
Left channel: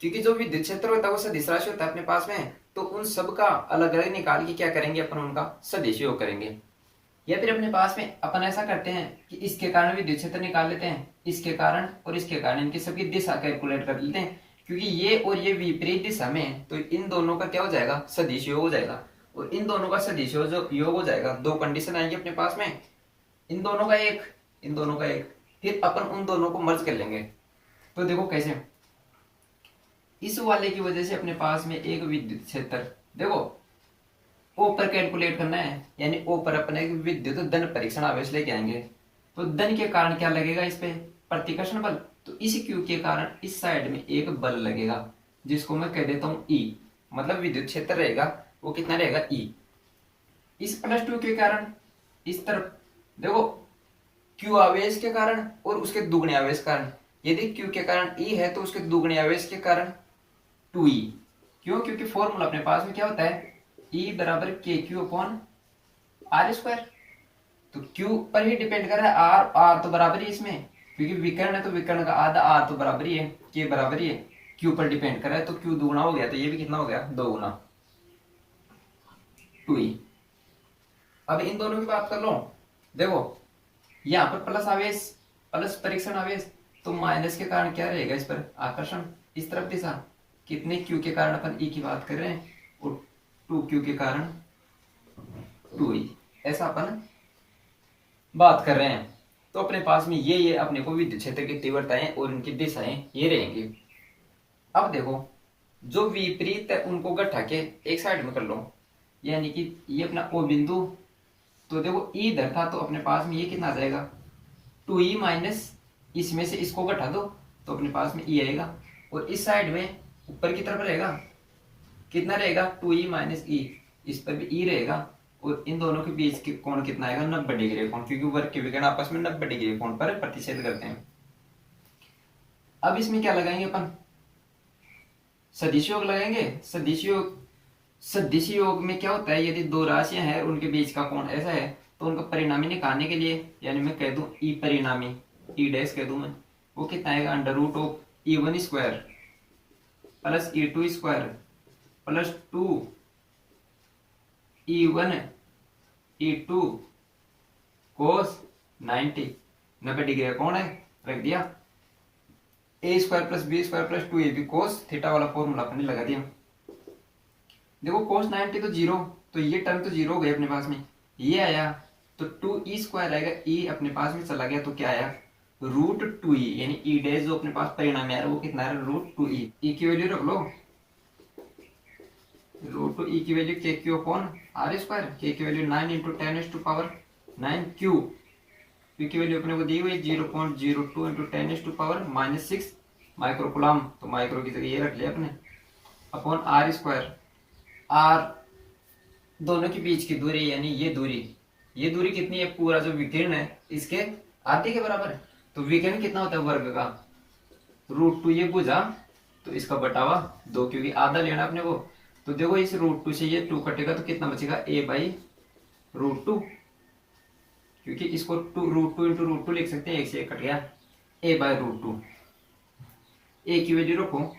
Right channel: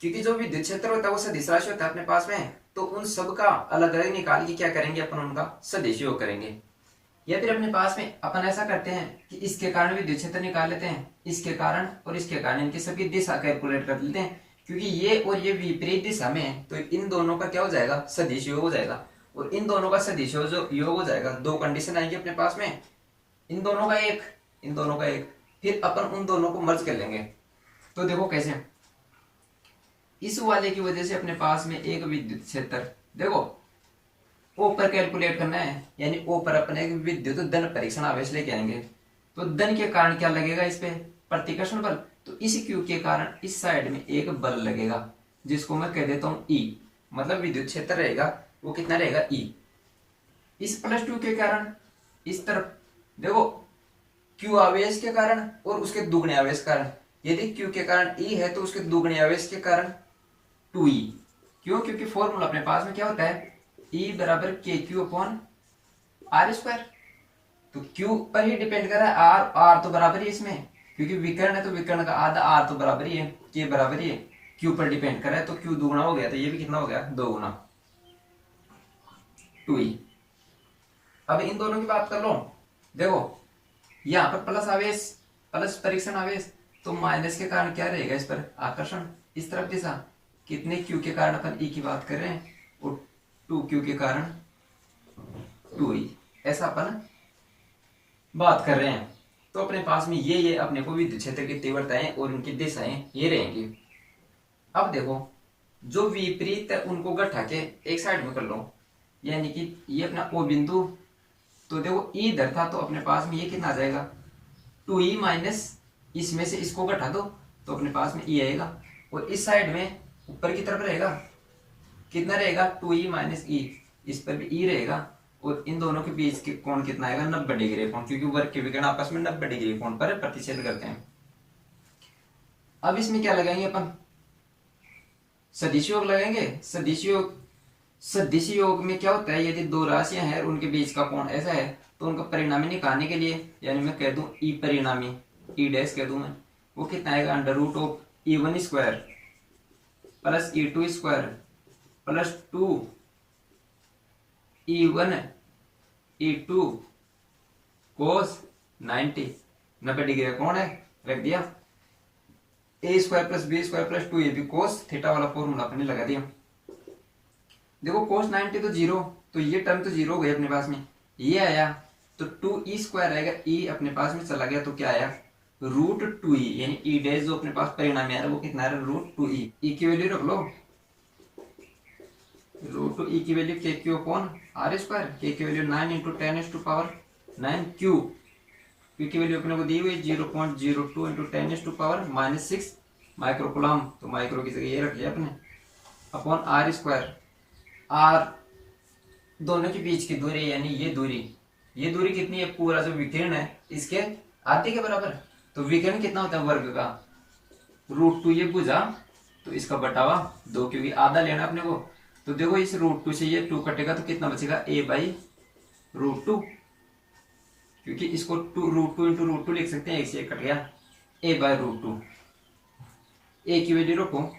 क्योंकि जो विद्युत क्षेत्र होता है वो सदिश राशि होता है अपने पास में, तो उन सब का अलग अलग निकाल के क्या करेंगे अपन, उनका सदिश योग करेंगे। या फिर अपने पास में अपन ऐसा करते हैं कि इसके कारण विद्युत क्षेत्र निकाल लेते हैं, इसके कारण और इसके कारण, इनकी सबकी दिशा कैलकुलेट कर लेते हैं, क्योंकि ये और ये विपरीत दिशा में, तो इन दोनों का क्या हो जाएगा, सदिश योग हो जाएगा। और इन दोनों का सदिश योग हो जाएगा, दो कंडीशन आएगी अपने पास में, इन दोनों का एक, इन दोनों का एक, फिर अपन उन दोनों को मर्ज कर लेंगे। तो देखो कैसे, इस वाले की वजह से अपने पास में एक विद्युत क्षेत्र, देखो ओ पर कैलकुलेट करना है, यानी ओ पर अपन एक विद्युत धन परीक्षण आवेश लेके आएंगे। तो धन के कारण क्या लगेगा, इस पे प्रतिकर्षण बल, तो इस क्यू के कारण इस साइड में एक बल लगेगा, जिसको मैं कह देता हूं ई, मतलब विद्युत क्षेत्र रहेगा वो कितना रहेगा, ई। इस +2 के कारण इस तरफ देखो, क्यू आवेश के कारण और उसके दुगने आवेश के कारण, यदि क्यू के कारण ई है तो उसके दुगने आवेश के कारण 2e। क्यों, क्योंकि फॉर्मूला अपने पास में क्या होता है, E बराबर के क्यू अपॉन आर स्क्वायर। तो Q पर ही डिपेंड कर रहा है, R तो बराबर ही इसमें, क्योंकि विकर्ण है तो विकर्ण का आधा, R तो बराबर ही है, K बराबर ही है, Q पर डिपेंड कर रहा है, तो Q दुगुना हो गया, तो ये भी कितना हो गया, 2 गुना 2e। अब इन दोनों की बात कर लो, देखो यहाँ पर प्लस आवेश, प्लस परीक्षण आवेश, तो माइनस के कारण क्या रहेगा, इस पर आकर्षण, इस तरफ दिशा, कितने क्यू के कारण अपन ई की बात कर रहे हैं, और 2q के कारण 2e, ऐसा अपन बात कर रहे हैं। तो अपने पास में ये अपने को विद्युत क्षेत्र की तीव्रताएं और उनकी दिशाएं ये रहेंगी। अब देखो, जो विपरीत है उनको गठा के एक साइड में कर लो, यानी कि ये अपना ओ बिंदु, तो देखो ई इधर था, तो अपने पास में ये कितना आ जाएगा, 2e माइनस, इसमें से इसको घटा दो तो अपने पास में ई आएगा, और इस साइड में ऊपर की तरफ रहेगा, कितना रहेगा, 2e माइनस ई, इस पर भी ई रहेगा, और इन दोनों के बीच के कोण कितना आएगा, 90 डिग्री कोण, क्योंकि वर्ग के विकर्ण आपस में 90 डिग्री कोण पर प्रतिच्छेद करते हैं। अब इसमें क्या लगाएंगे अपन, सदिश योग लगाएंगे। सदिश योग में क्या होता है, यदि दो राशियां हैं उनके बीच का कोण ऐसा है, तो उनका परिणामी निकालने के लिए, यानी मैं कह दूं ई परिणामी, ई डैश कह दूं मैं, वो कितना आएगा, √E1 square plus E2 square plus 2E1 E2 cos 90 degree कौन है, रख दिया, a square plus B square plus 2ab cos theta वाला फॉर्मूला अपने लगा दिया। देखो cos 90 तो जीरो, तो ये टर्म तो जीरो हो गई अपने पास में, ये आया तो 2e स्क्वायर आएगा, e अपने पास में चला गया तो क्या आया, √2e, यानी e डैश जो अपने पास परिणाम है वो कितना है, √2e। e की वैल्यू रख लो, √2e की वैल्यू के क्यू अपॉन आर स्क्वायर, के की वैल्यू 9 इंटू 10⁻⁹ क्यू, क्यू की वैल्यू अपने को दी हुई 0.02 इंटू 10⁻⁻6 माइक्रोकुलाम, तो माइक्रो की जगह ये रख लिया अपने, अपॉन आर स्क्वायर। आर दोनों के बीच की दूरी, यानी ये दूरी कितनी है, पूरा जो विकिरण है इसके आधे के बराबर है, तो विकिरण कितना होता है वर्ग का, √2, ये बुझा तो इसका बटावा 2, क्योंकि आधा लेना अपने को। तो देखो इस √2 से ये 2 कटेगा तो कितना बचेगा, a/√2, क्योंकि इसको √2 इंटू √2 लिख सकते हैं, एक से एक कट गया, a/√2। a की वैल्यू रखो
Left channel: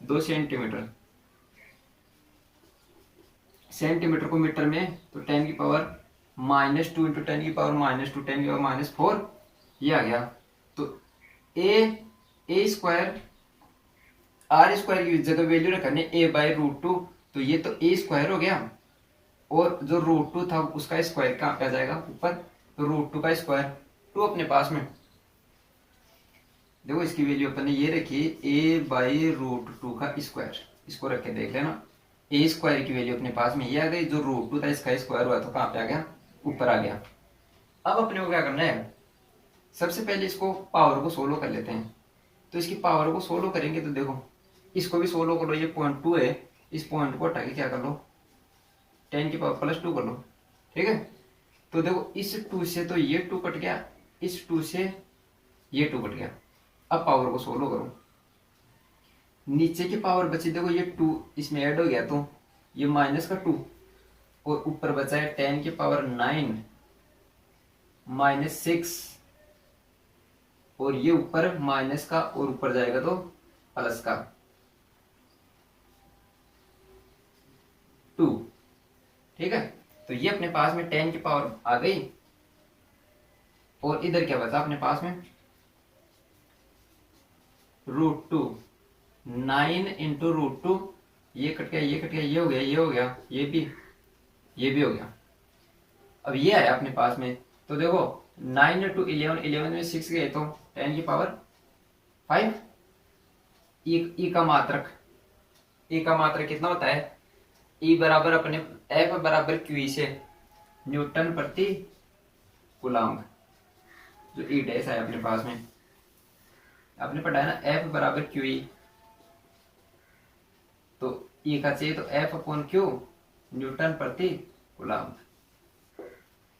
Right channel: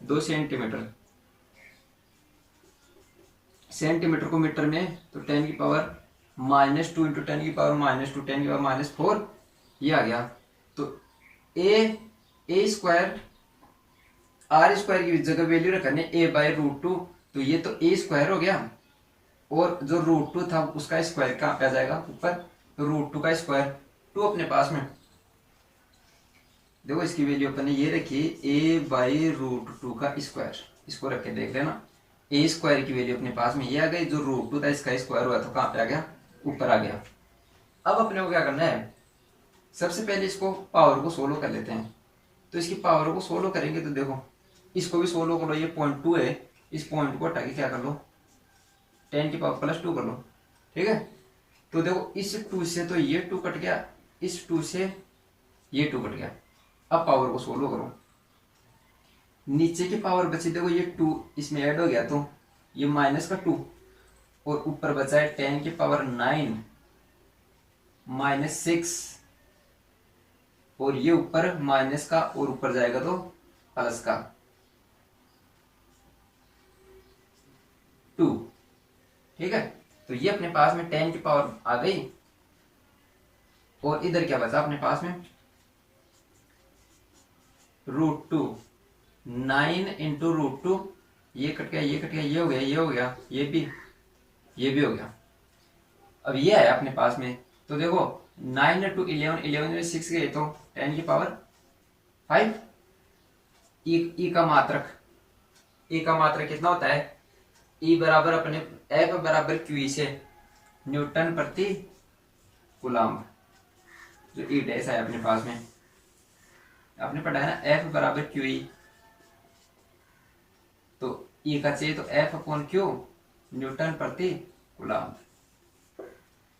2 सेंटीमीटर, सेंटीमीटर को मीटर में तो 10⁻⁻2 इंटू 10⁻⁻2 10⁻⁻4 ये आ गया। तो a स्क्वायर आर स्क्वायर की जगह वैल्यू रखने a/√2, तो ये तो a स्क्वायर हो गया, और जो √2 था उसका स्क्वायर कहाँ पे आ जाएगा, ऊपर, तो √2 का स्क्वायर 2 अपने पास में, देखो इसकी वैल्यू अपन ने ये रखी a/√2 का स्क्वायर, इसको रख के देख लेना, a स्क्वायर की वैल्यू अपने पास में ये आ गई, जो √2 था इसका स्क्वायर हुआ तो कहाँ पे आ गया, ऊपर आ गया। अब अपने को क्या करना है, सबसे पहले इसको पावर को सोलो कर लेते हैं। तो इसकी पावर को सोलो करेंगे तो देखो इसको भी सोलो करो, ये 0.2 है, इस पॉइंट को हटा के क्या कर लो, 10⁻+2 कर लो, ठीक है। तो देखो इस 2 से तो ये 2 कट गया, इस 2 से ये 2 कट गया। अब पावर को सोलो करो, नीचे की पावर बची, देखो ये 2 इसमें ऐड हो गया तो ये माइनस का 2 और ऊपर बचा है 10⁹ -6 और ये ऊपर माइनस का और ऊपर जाएगा तो प्लस का 2। ठीक है, तो ये अपने पास में 10 की पावर आ गई और इधर क्या बचा अपने पास में √2। 9 इंटू √2, ये कट गया, ये कट गया, ये हो गया, ये हो गया, ये भी हो गया। अब ये आया अपने पास में, तो देखो 9 टू 11, 11 में 6 गए तो 10 की पावर 5। ई का मात्रक कितना होता है? ई बराबर अपने एफ बराबर क्यू से न्यूटन प्रति कूलम्ब, जो ई डैश है अपने पास में आपने पढ़ा है ना, एफ बराबर क्यू ई, तो ई का चाहिए तो एफ अपॉन क्यू न्यूटन प्रति कूलम्ब।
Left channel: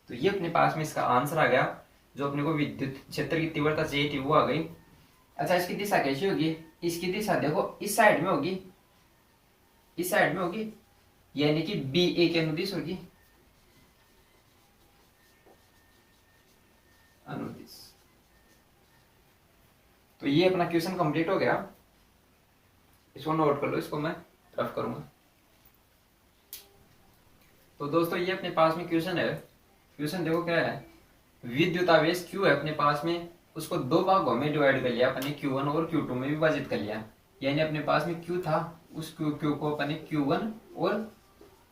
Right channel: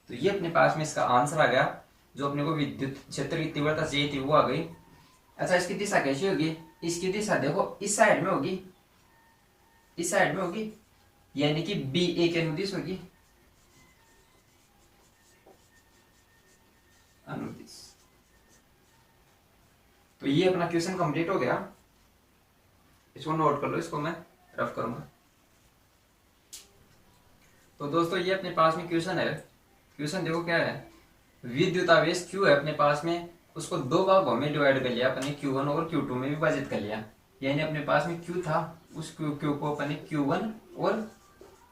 तो ये अपने पास में इसका आंसर आ गया। जो अपने को विद्युत क्षेत्र की तीव्रता चाहिए थी वो आ गई। अच्छा, इसकी दिशा कैसी होगी? इसकी दिशा देखो इस साइड में होगी, इस साइड में होगी, यानी कि बी ए के अनुदिश होगी, अनुदिश। तो ये अपना क्वेश्चन कंप्लीट हो गया। इसको नोट कर लो, इसको मैं रफ करूंगा। तो दोस्तों ये अपने पास में क्वेश्चन है। क्वेश्चन देखो क्या है, विद्युत आवेश Q है अपने पास में, उसको दो भागों में डिवाइड कर लिया अपने Q1 और Q2 में विभाजित कर लिया। यानी अपने पास में Q था, उस Q को अपने Q1 और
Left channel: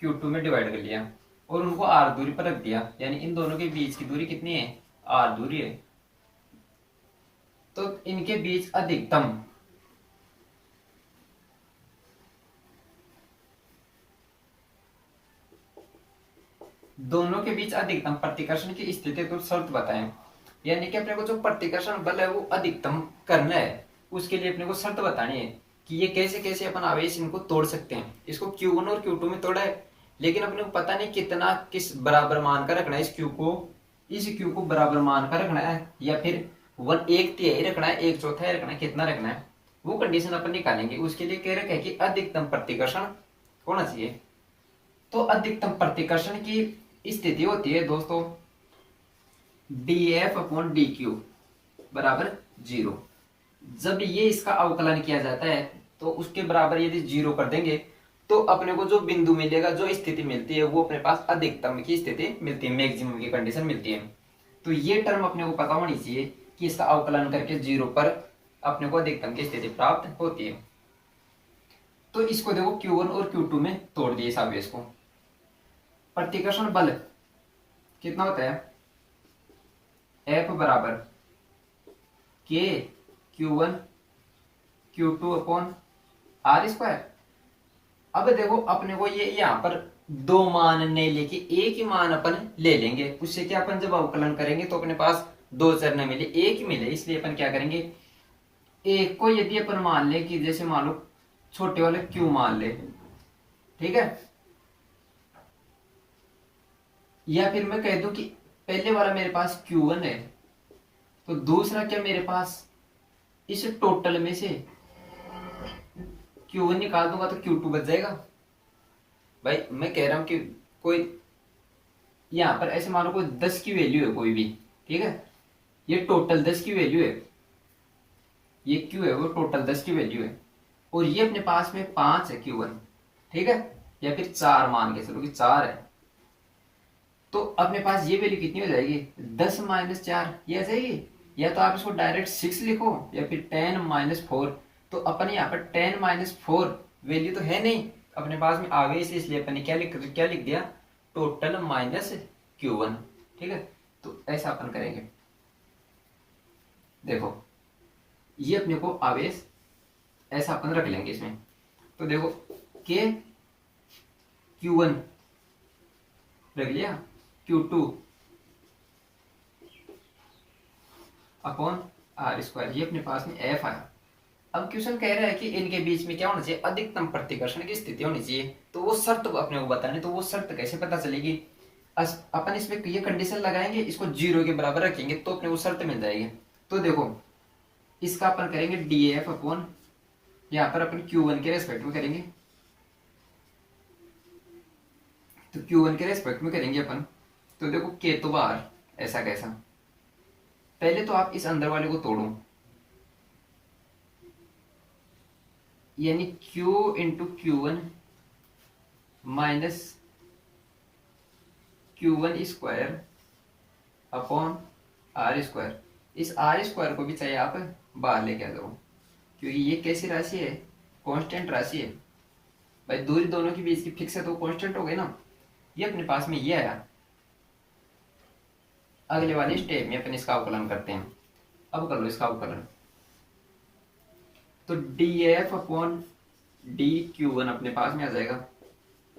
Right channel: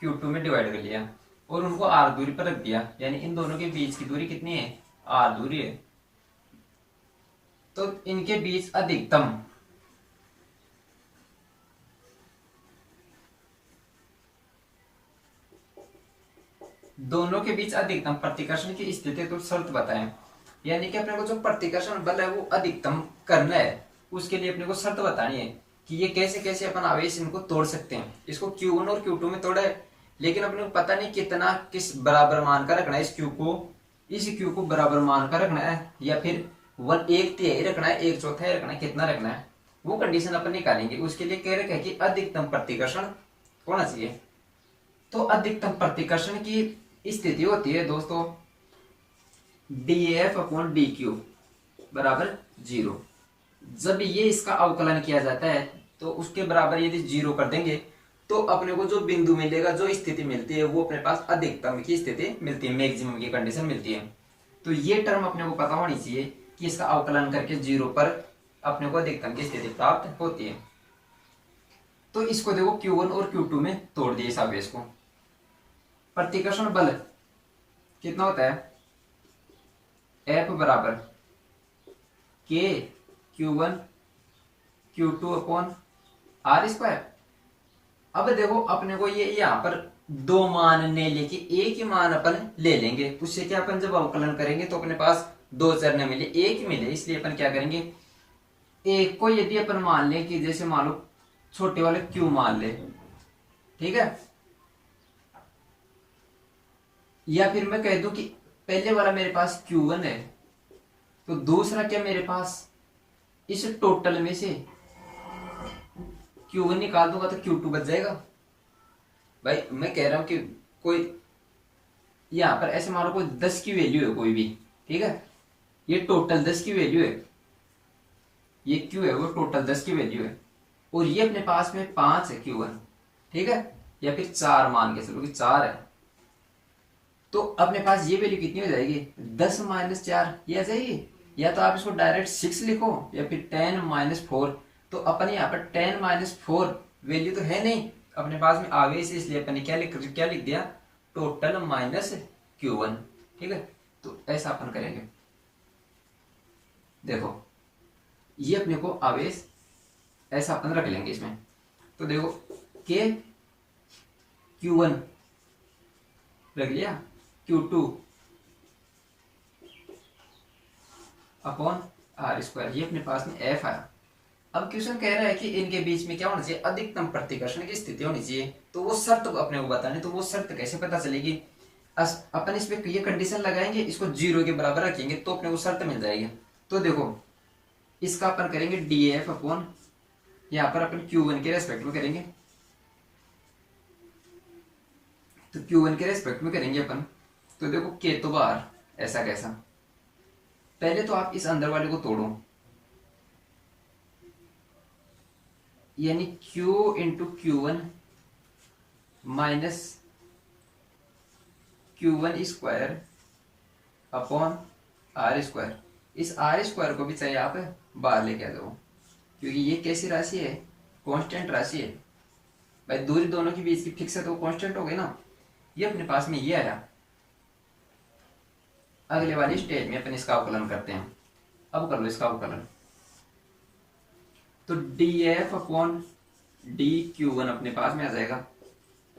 Q2 में डिवाइड कर लिया और उनको R दूरी पर रख दिया। यानी इन दोनों के बीच की दूरी कितनी है? R दूरी है। तो इनके बीच अधिकतम दोनों के बीच अधिकतम प्रतिकर्षण की स्थिति तो शर्त बताएं। यानी कि अपने को जो प्रतिकर्षण बल है वो अधिकतम करना है, उसके लिए अपने को शर्त बतानी है कि ये कैसे कैसे अपन आवेश इनको तोड़ सकते हैं। इसको Q1 और Q2 में तोड़ा है, लेकिन अपने को पता नहीं कितना किस बराबर मान का रखना है। इस Q को बराबर मान का रखना है या फिर 1/3 रखना है, 1/4 रखना है, कितना रखना है वो कंडीशन अपन निकालेंगे। उसके लिए कह रखे है कि अधिकतम प्रतिकर्षण होना चाहिए। तो अधिकतम प्रतिकर्षण की स्थिति होती है दोस्तों dF/dQ बराबर 0। जब ये इसका अवकलन किया जाता है तो उसके बराबर यदि 0 कर देंगे तो अपने को जो बिंदु मिलेगा, जो स्थिति मिलती है वो अपने पास अधिकतम की स्थिति मिलती है, मैक्सिमम की कंडीशन मिलती है। तो ये टर्म अपने को पता होनी चाहिए कि इसका अवकलन करके 0 पर अपने को अधिकतम की स्थिति प्राप्त होती है। तो इसको देखो Q1 और Q2 में तोड़ दिए इस आवेश को। प्रतिकर्षण बल कितना होता है? F बराबर K Q1 Q2 upon R²। अब देखो अपने को ये यहाँ पर दो मान नहीं लेके एक ही मान अपन ले लेंगे। उससे क्या, अपन जब अवकलन करेंगे तो अपने पास दो चर न मिले, एक ही मिले। इसलिए अपन क्या करेंगे, एक को यदि अपन मान ले कि जैसे मान लो छोटे वाले Q मान ले, ठीक है, या फिर मैं कह दूं कि पहले वाला मेरे पास Q1 है तो दूसरा क्या मेरे पास इस टोटल में से Q1 निकाल दूंगा तो Q2 बच जाएगा। भाई मैं कह रहा हूं कि कोई यहां पर ऐसे मानो कोई 10 की वैल्यू है कोई भी, ठीक है, ये टोटल 10 की वैल्यू है, ये Q है वो टोटल 10 की वैल्यू है और ये अपने पास में 5 है Q1, ठीक है, या फिर 4 मान के चलो कि 4 है। तो अपने पास ये वैल्यू कितनी हो जाएगी? 10 - 4 ये आ जाएगी। या तो आप इसको डायरेक्ट 6 लिखो या फिर 10 - 4। तो अपन यहाँ पर 10 - 4 वैल्यू तो है नहीं अपने पास में, आ गई से, इसलिए अपन ने क्या लिख दिया, टोटल माइनस Q1, ठीक है। तो ऐसा अपन करेंगे। देखो ये अपने को आवेश ऐसा अपन रख लेंगे इसमें। तो देखो K Q1 रख लिया, Q2 अपॉन R², ये अपने पास में F आया। अब क्वेश्चन कह रहा है कि इनके बीच में क्या होना चाहिए, अधिकतम प्रतिकर्षण की स्थिति होनी चाहिए। तो वो शर्त अपने को बतानी, तो वो शर्त कैसे पता चलेगी? अपन इसमें ये कंडीशन लगाएंगे, इसको 0 के बराबर रखेंगे तो अपने को शर्त मिल जाएगी। तो देखो इसका अपन करेंगे dF अपॉन, यहाँ पर अपन Q1 के रेस्पेक्ट में करेंगे तो Q1 के रेस्पेक्ट में करेंगे अपन। तो देखो K तो बाहर, ऐसा कैसा, पहले तो आप इस अंदर वाले को तोड़ो, यानी Q into Q1 minus Q1 square upon R square. इस R स्क्वायर को भी चाहिए आप बाहर लेके आ जाओ, क्योंकि ये कैसी राशि है, कांस्टेंट राशि है भाई, दूरी दोनों के बीच की फिक्स है तो कांस्टेंट हो गई ना। ये अपने पास में ये आया। अगले वाली स्टेप में अपन इसका अवकलन करते हैं। अब कर लो इसका अवकलन। तो df अपॉन डी Q1 अपने पास में आ जाएगा,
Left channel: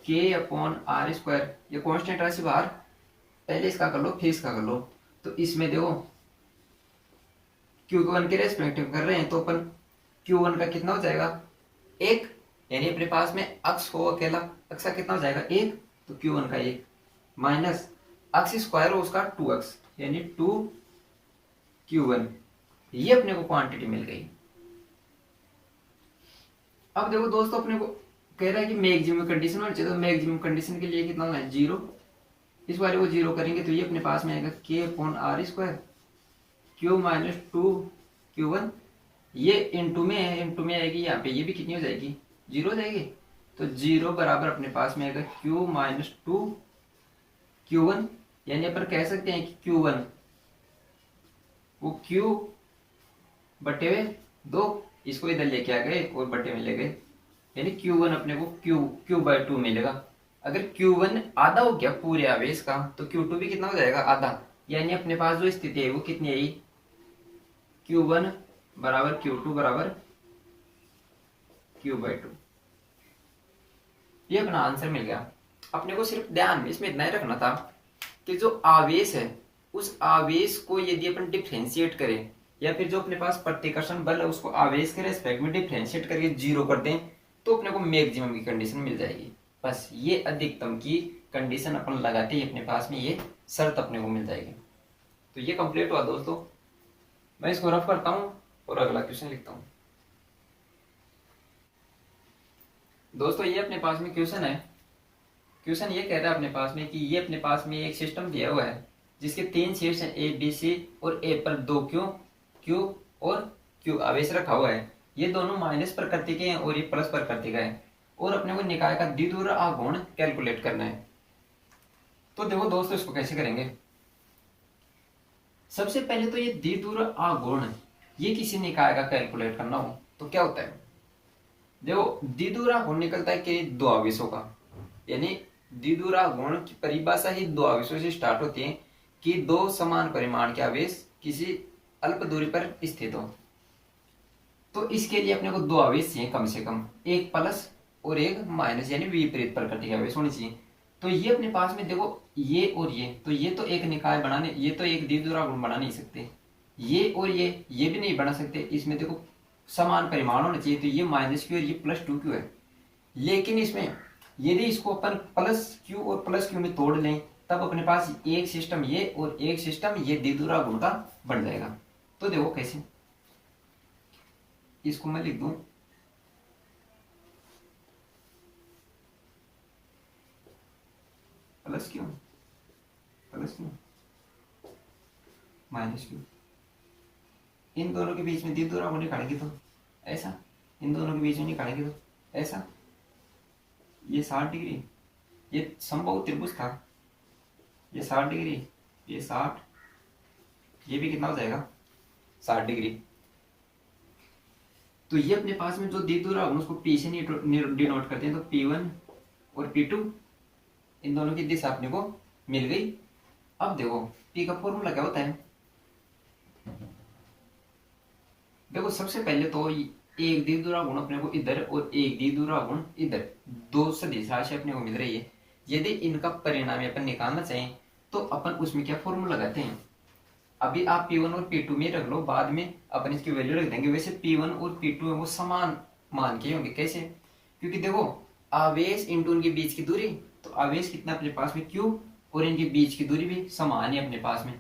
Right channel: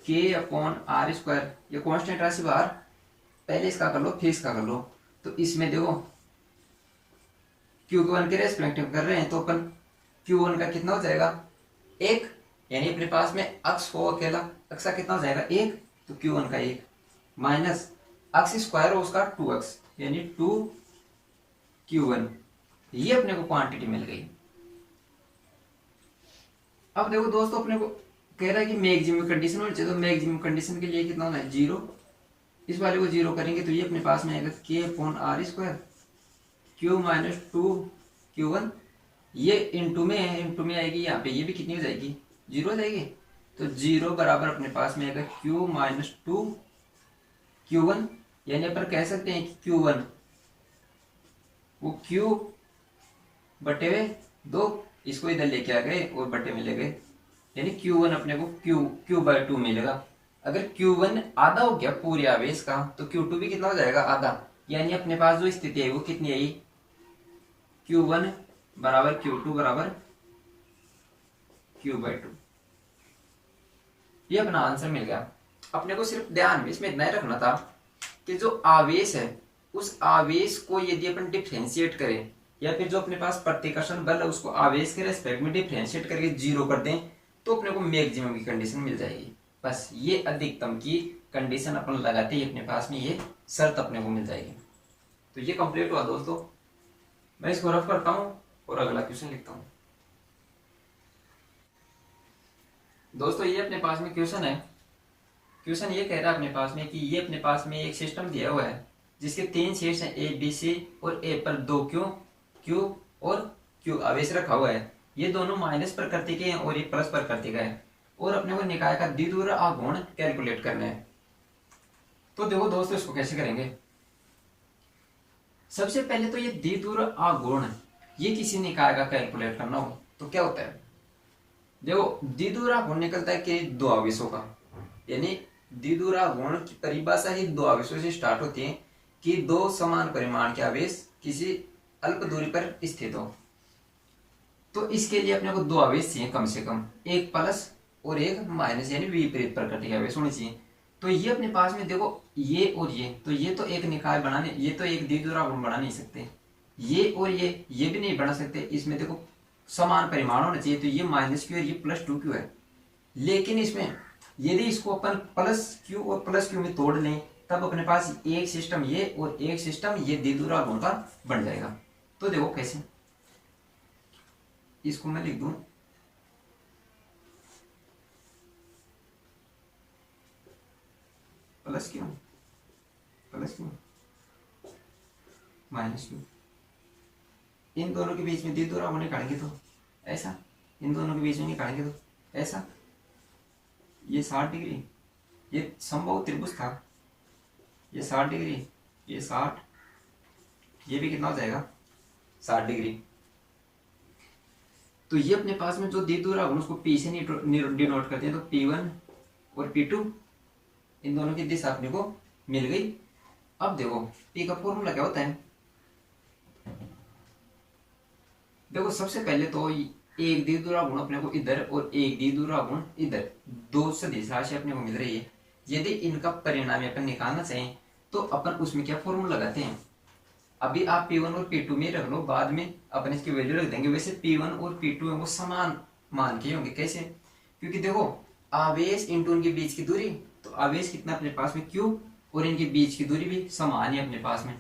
K अपॉन R स्क्वायर, ये कांस्टेंट राशि बाहर, पहले इसका कर लो फिर इसका कर लो। तो इसमें देखो Q1 के रेस्पेक्टिव कर रहे हैं तो अपन Q1 का कितना हो जाएगा, एक, यानी अपने पास में अक्ष हो अकेला, अक्ष का कितना हो जाएगा एक, तो Q1 का एक, माइनस अक्ष स्क्वायर हो उसका 2x, यानी 2Q1। ये अपने को क्वांटिटी मिल गई। अब देखो दोस्तों, अपने को कह रहा है कि मैक्सिमम कंडीशन होनी चाहिए, तो मैक्सिमम कंडीशन के लिए कितना होना है, जीरो। इस वाले को जीरो करेंगे तो ये अपने पास में आएगा K upon R square, Q minus 2Q1। ये इंटू में है, इंटू में आएगी यहाँ पे, ये भी कितनी हो जाएगी, जीरो हो जाएगी। तो जीरो बराबर अपने पास में आएगा Q माइनस 2Q1, यानी अपन कह सकते हैं कि Q1 वो Q बटे हुए 2, इसको इधर लेके आ गए और बटे में ले गए, यानी Q1 अपने को Q बाई 2 मिलेगा। अगर Q1 आधा हो गया पूरे आवेश का, तो Q2 भी कितना हो जाएगा, आधा। यानी अपने पास जो स्थिति है वो कितनी आई, Q1 बराबर Q2 बराबर Q बाई 2। ये अपना आंसर मिल गया। अपने को सिर्फ ध्यान में इसमें इतना ही रखना था कि जो आवेश है उस आवेश को यदि अपन डिफ्रेंशिएट करें, या फिर जो अपने पास प्रतिकर्षण बल है उसको आवेश के रेस्पेक्ट में डिफ्रेंशिएट करके जीरो कर दें, तो अपने को मैक्सिमम की कंडीशन मिल जाएगी। बस ये अधिकतम की कंडीशन अपन लगाते ही अपने पास में ये शर्त अपने को मिल जाएगी। तो ये कंप्लीट हुआ दोस्तों। मैं इसको रफ करता हूं और अगला क्वेश्चन लिखता हूं। दोस्तों ये अपने पास में क्वेश्चन है। क्वेश्चन ये कह रहा है अपने पास में कि ये अपने पास में एक सिस्टम दिया हुआ है जिसके 3 शीर्ष हैं, ए बी सी, और ए पर 2 क्यू और क्यू आवेश रखा हुआ है। ये दोनों माइनस प्रकृति के हैं और ये प्लस प्रकृति का है, और अपने को निकाय का द्विध्रुव आघूर्ण कैलकुलेट करना है। तो देखो दोस्तों इसको कैसे करेंगे। सबसे पहले तो ये द्विध्रुव आघूर्ण, ये किसी निकाय का कैलकुलेट करना हो तो क्या होता है, देखो द्विध्रुव आघूर्ण निकलता है कि 2 आवेशों का, यानी द्विध्रुव आघूर्ण की परिभाषा ही 2 आवेशों से स्टार्ट होती है कि 2 समान परिमाण के आवेश किसी अल्प दूरी पर स्थित हो। तो इसके लिए अपने को 2 आवेश चाहिए कम से कम, एक प्लस और एक माइनस, यानी विपरीत प्रकृति के आवेश होने चाहिए। तो ये अपने पास में देखो ये और ये, तो ये तो एक निकाय बनाने, ये तो एक द्विध्रुव आघूर्ण बना नहीं सकते, ये और ये भी नहीं बना सकते। इसमें देखो समान परिमाण होना चाहिए, तो ये माइनस क्यू और ये प्लस 2Q है। लेकिन इसमें यदि इसको अपन प्लस क्यू और प्लस क्यू में तोड़ लें, तब अपने पास एक सिस्टम ये और एक सिस्टम ये द्विध्रुव आघूर्ण का बन जाएगा। तो देखो कैसे, इसको मैं लिख दूं प्लस क्यू माइनस क्यू, इन दोनों के बीच में द्विध्रुव आघूर्ण निकालेंगे तो ऐसा, इन दोनों के बीच में निकालेंगे तो ऐसा, ये 60 डिग्री, ये समबाहु त्रिभुज था, ये 60 डिग्री, ये 60, ये भी कितना हो जाएगा 60 डिग्री। तो ये अपने पास में जो द्विध्रुव आघूर्ण उसको P से डिनोट करते हैं, तो P1 और P2, इन दोनों की दिशा अपने को मिल गई। अब देखो P का फॉर्मूला क्या होता है, देखो सबसे पहले तो एक द्विध्रुव आघूर्ण अपने को इधर और एक द्विध्रुव आघूर्ण इधर, 2 सदिश राशि अपने को मिल रही है। यदि इनका परिणाम अपन निकालना चाहें तो अपन उसमें क्या फॉर्मूला लगाते हैं, अभी आप P1 और P2 में रख लो, बाद में अपन इसकी वैल्यू रख देंगे। वैसे P1 और P2 है वो समान मान के होंगे, कैसे, क्योंकि देखो आवेश इंटू उनके बीच की दूरी, तो आवेश कितना अपने पास में Q, और इनके बीच की दूरी भी समान है अपने पास में,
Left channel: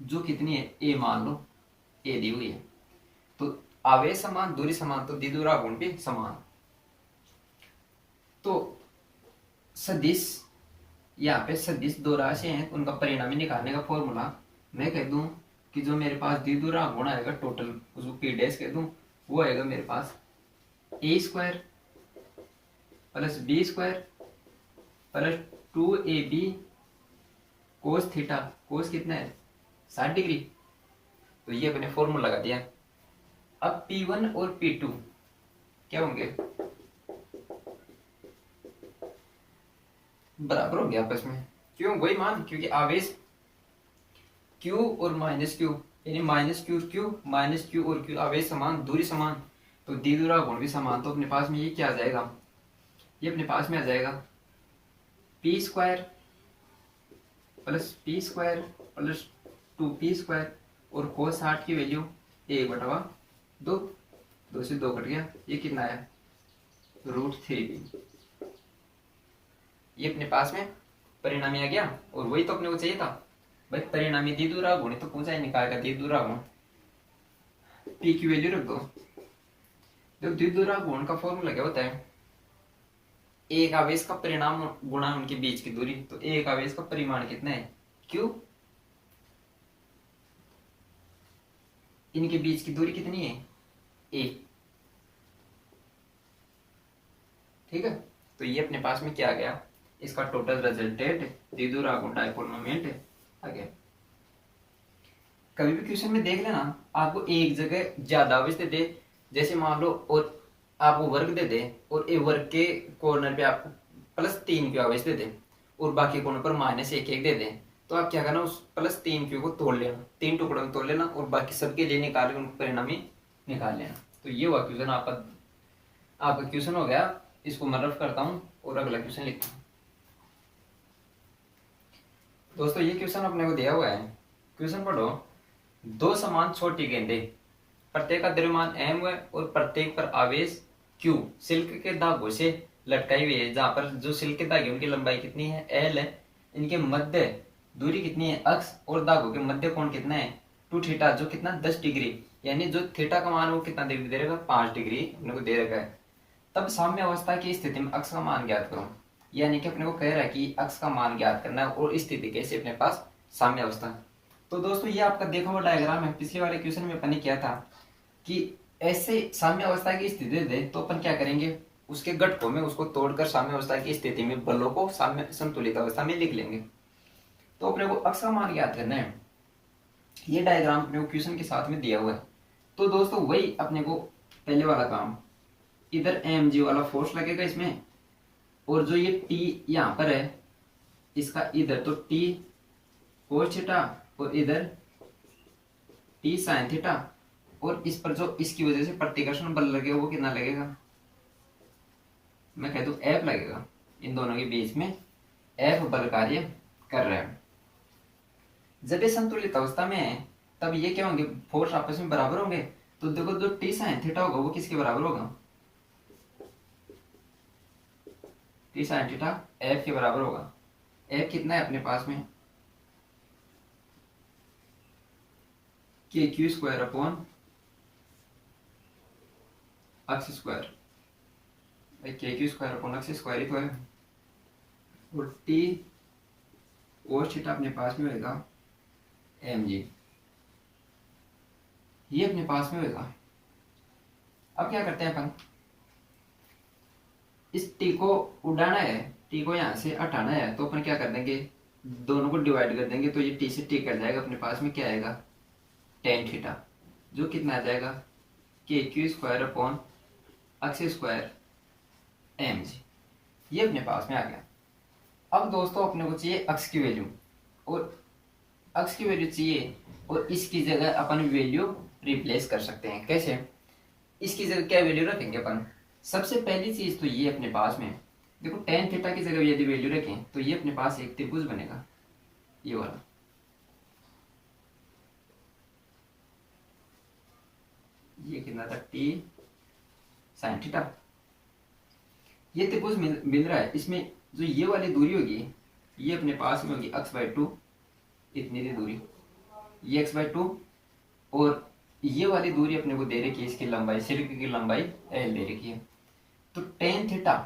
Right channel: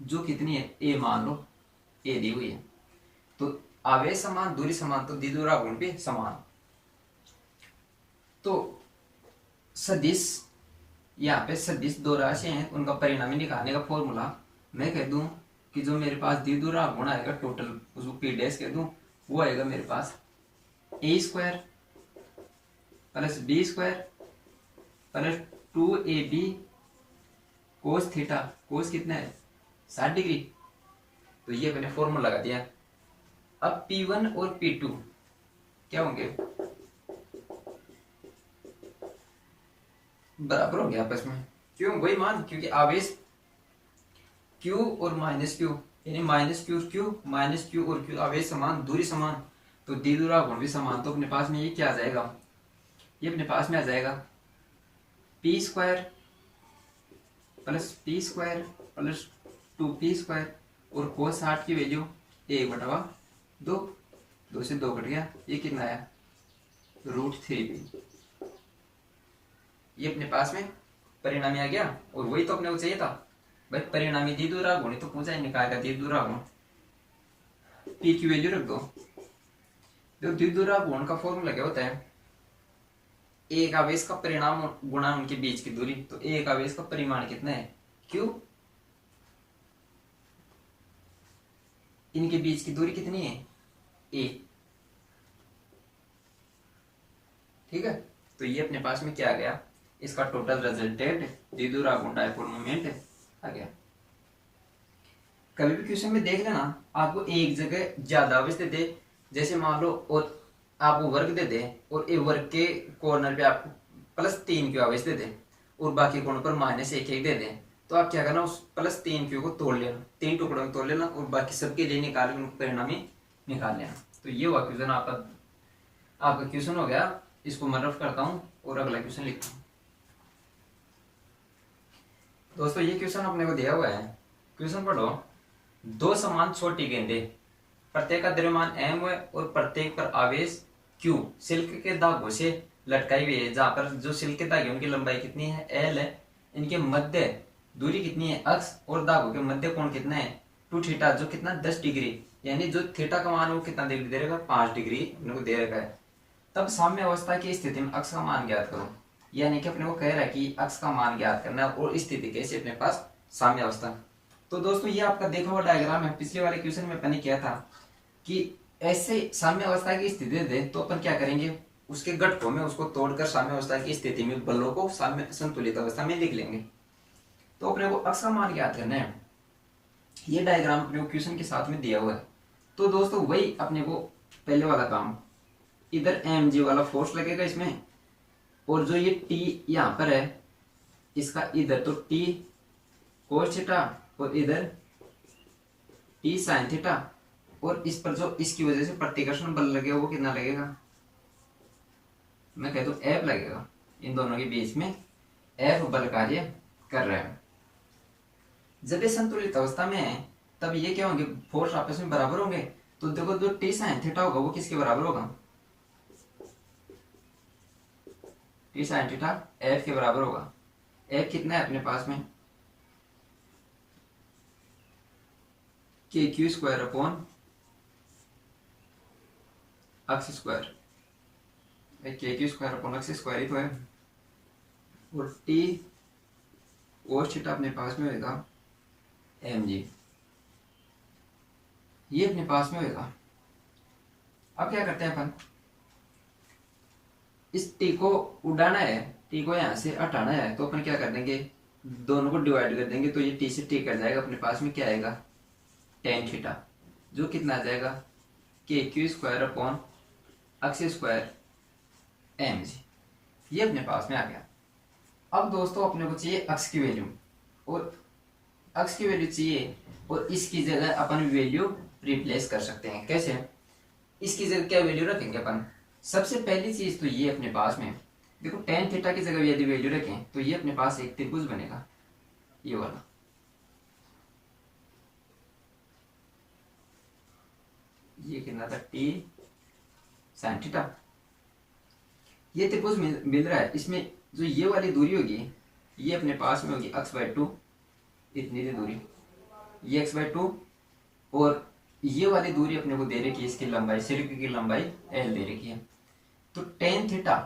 जो कितनी है A मान लो, A दी हुई है। तो आवेश समान, दूरी समान, तो द्विध्रुव आघूर्ण भी समान। तो सदिश, यहाँ पे सदिश दो राशि हैं, उनका परिणामी निकालने का फॉर्मूला मैं कह दूं कि जो मेरे पास द्विगुणा गुण आएगा टोटल, उसको पी डैश कह दूं, वो आएगा मेरे पास A square plus B square plus 2ab cos theta, cos कितना है 60 डिग्री। तो ये मैंने फॉर्मूला लगा दिया। अब P1 और P2 क्या होंगे, बराबर होंगे आपस में। क्यों, वही मान, क्योंकि आवेश Q और माइनस Q, यानी minus Q Q minus Q और Q आवेश समान, दूरी समान, तो द्विध्रुवा गुण भी समान। तो अपने पास में ये क्या आ जाएगा, ये अपने पास में आ जाएगा P square plus 2p square और कोस 60 की वैल्यू 1/2, 2 से 2 कट गया, ये कितना है √3p। ये अपने पास में परिणामी आ गया। और वही तो अपने को चाहिए था भाई, परिणामी द्विध्रुवा गुण तो पूछा ही निकाल का द्विध्रुवा गुण, p की वैल्यू रख दो। जो द्विध्रुवा गुण का फॉर्मूला क्या होता है, एक आवेश का परिणाम गुणा उनके बीच की दूरी। तो एक आवेश का परिमाण कितना है q, इनके बीच की दूरी कितनी है a, ठीक है। तो ये अपने पास में क्या आ गया, इसका टोटल रिजल्टेंट द्विध्रुवा गुण डायपोल मोमेंट आ गया। कभी भी क्वेश्चन में देख लेना, आपको एक जगह ज्यादा आवेश दे दे, जैसे मान लो, और आपको वर्ग दे दे और ए वर्ग के कॉर्नर पे आपको +3 क्यू आवेश दे दे और बाकी कॉर्नर पर -1 दे दे, तो आप क्या करना, उस +3 क्यू को तोड़ लेना, 3 टुकड़ों में तोड़ लेना और बाकी सबके लिए निकाल के परिणामी निकाल लेना। तो ये हुआ क्वेश्चन आपका क्वेश्चन हो गया। इसको मैं रफ करता हूँ और अगला क्वेश्चन लिखता हूँ। दोस्तों ये क्वेश्चन अपने को दिया हुआ है, क्वेश्चन पढ़ो। दो समान छोटी गेंदें, प्रत्येक का द्रव्यमान m है और प्रत्येक पर आवेश q सिल्क के धागों से लटकाई हुई है, जहां पर जो सिल्क के धागे उनकी लंबाई कितनी है l है, इनके मध्य दूरी कितनी है अक्ष और धागों के मध्य कोण कितना है 2 थीटा, जो कितना 10 डिग्री, यानी जो थीटा का मान है वो कितना डिग्री दे रखा है 5 डिग्री अपने को दे रखा है। तब साम्य अवस्था की स्थिति में अक्ष का मान ज्ञात करो, यानी कि अपने को कह रहा है कि अक्ष का मान ज्ञात करना है और स्थिति कैसे अपने पास साम्य अवस्था। तो दोस्तों ये आपका देखा हुआ डायग्राम है, पिछले वाले क्वेश्चन में अपन ने किया था कि ऐसे साम्य अवस्था की स्थिति दे तो अपन क्या करेंगे, उसके घटकों में उसको तोड़कर साम्य अवस्था की स्थिति में बलों को साम्य संतुलित अवस्था में लिख लेंगे। तो अपने को अक्ष का मान ज्ञात करना है। ये डायग्राम अपने को क्वेश्चन के साथ में दिया हुआ है। तो दोस्तों वही अपने को पहले वाला काम, इधर mg वाला फोर्स लगेगा इसमें, और जो ये t यहाँ पर है इसका इधर तो t cos थीटा और इधर t sin थीटा, और इस पर जो इसकी वजह से प्रतिकर्षण बल लगेगा वो कितना लगेगा, मैं कह दूं F लगेगा। इन दोनों के बीच में F बल कार्य कर रहा है। जब ये संतुलित अवस्था में है तब ये क्या होंगे, फोर्स आपस में बराबर होंगे। तो देखो जो t sin थीटा होगा वो किसके बराबर होगा, t sin थीटा F के बराबर होगा। F कितना है अपने पास में KQ स्क्वायर अपॉन अक्ष स्क्वायर, KQ स्क्वायर अपॉन अक्ष स्क्वायर ही तो है, और t cos थीटा अपने पास में होगा mg, ये अपने पास में होगा। अब क्या करते हैं अपन, इस t को उड़ाना है, t को यहां से हटाना है, तो अपन क्या कर देंगे, दोनों को डिवाइड कर देंगे, तो ये t से t कट जाएगा, अपने पास में क्या आएगा tan थीटा, जो कितना आ जाएगा KQ स्क्वायर अपॉन अक्ष स्क्वायर mg, ये अपने पास में आ गया। अब दोस्तों अपने को चाहिए अक्ष की वैल्यू, और अक्ष की वैल्यू चाहिए और इसकी जगह अपन वैल्यू रिप्लेस कर सकते हैं। कैसे, इसकी जगह क्या वैल्यू रखेंगे अपन, सबसे पहली चीज तो ये अपने पास में देखो tan थीटा की जगह यदि वैल्यू रखें तो ये अपने पास एक त्रिभुज बनेगा, ये वाला, ये कितना था t sin थीटा, ये त्रिभुज मिल रहा है। इसमें जो ये वाली दूरी होगी ये अपने पास में होगी x/2, इतनी सी दूरी ये x/2, और ये वाली दूरी अपने को दे रखी है, इसकी लंबाई सिल्क की लंबाई l दे रखी है। तो tan थीटा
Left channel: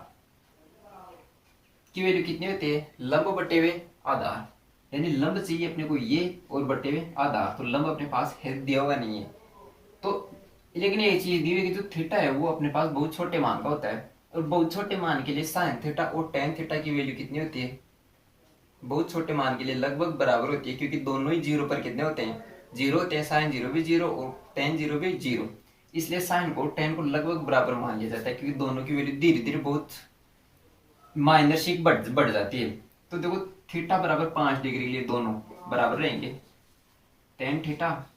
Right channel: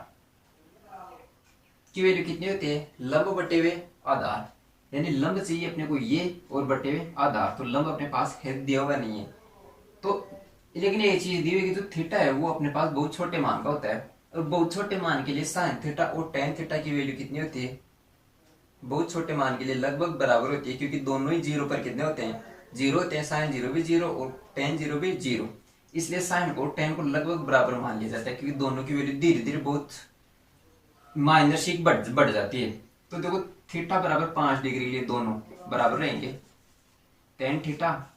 की वैल्यू कितनी होती है, लंब बटे हुए आधार, यानी लंब चाहिए अपने को ये और बटे हुए आधार, तो लंब अपने पास है दिया हुआ नहीं है। तो लेकिन ये चीज दी हुई कि जो थीटा है वो अपने पास बहुत छोटे मान का होता है, और बहुत छोटे मान के लिए साइन थीटा और टेन थीटा की वैल्यू कितनी होती है, बहुत छोटे मान के लिए लगभग बराबर होती है, क्योंकि दोनों ही जीरो पर कितने होते हैं, जीरो होते हैं, साइन जीरो भी जीरो और टेन जीरो भी जीरो, इसलिए साइन को टेन को लगभग बराबर मान लिया जाता है, क्योंकि दोनों की वैल्यू धीरे धीरे बहुत माइनर बढ़ जाती है। तो देखो थीटा बराबर 5 डिग्री के लिए दोनों बराबर रहेंगे, टेन थीटा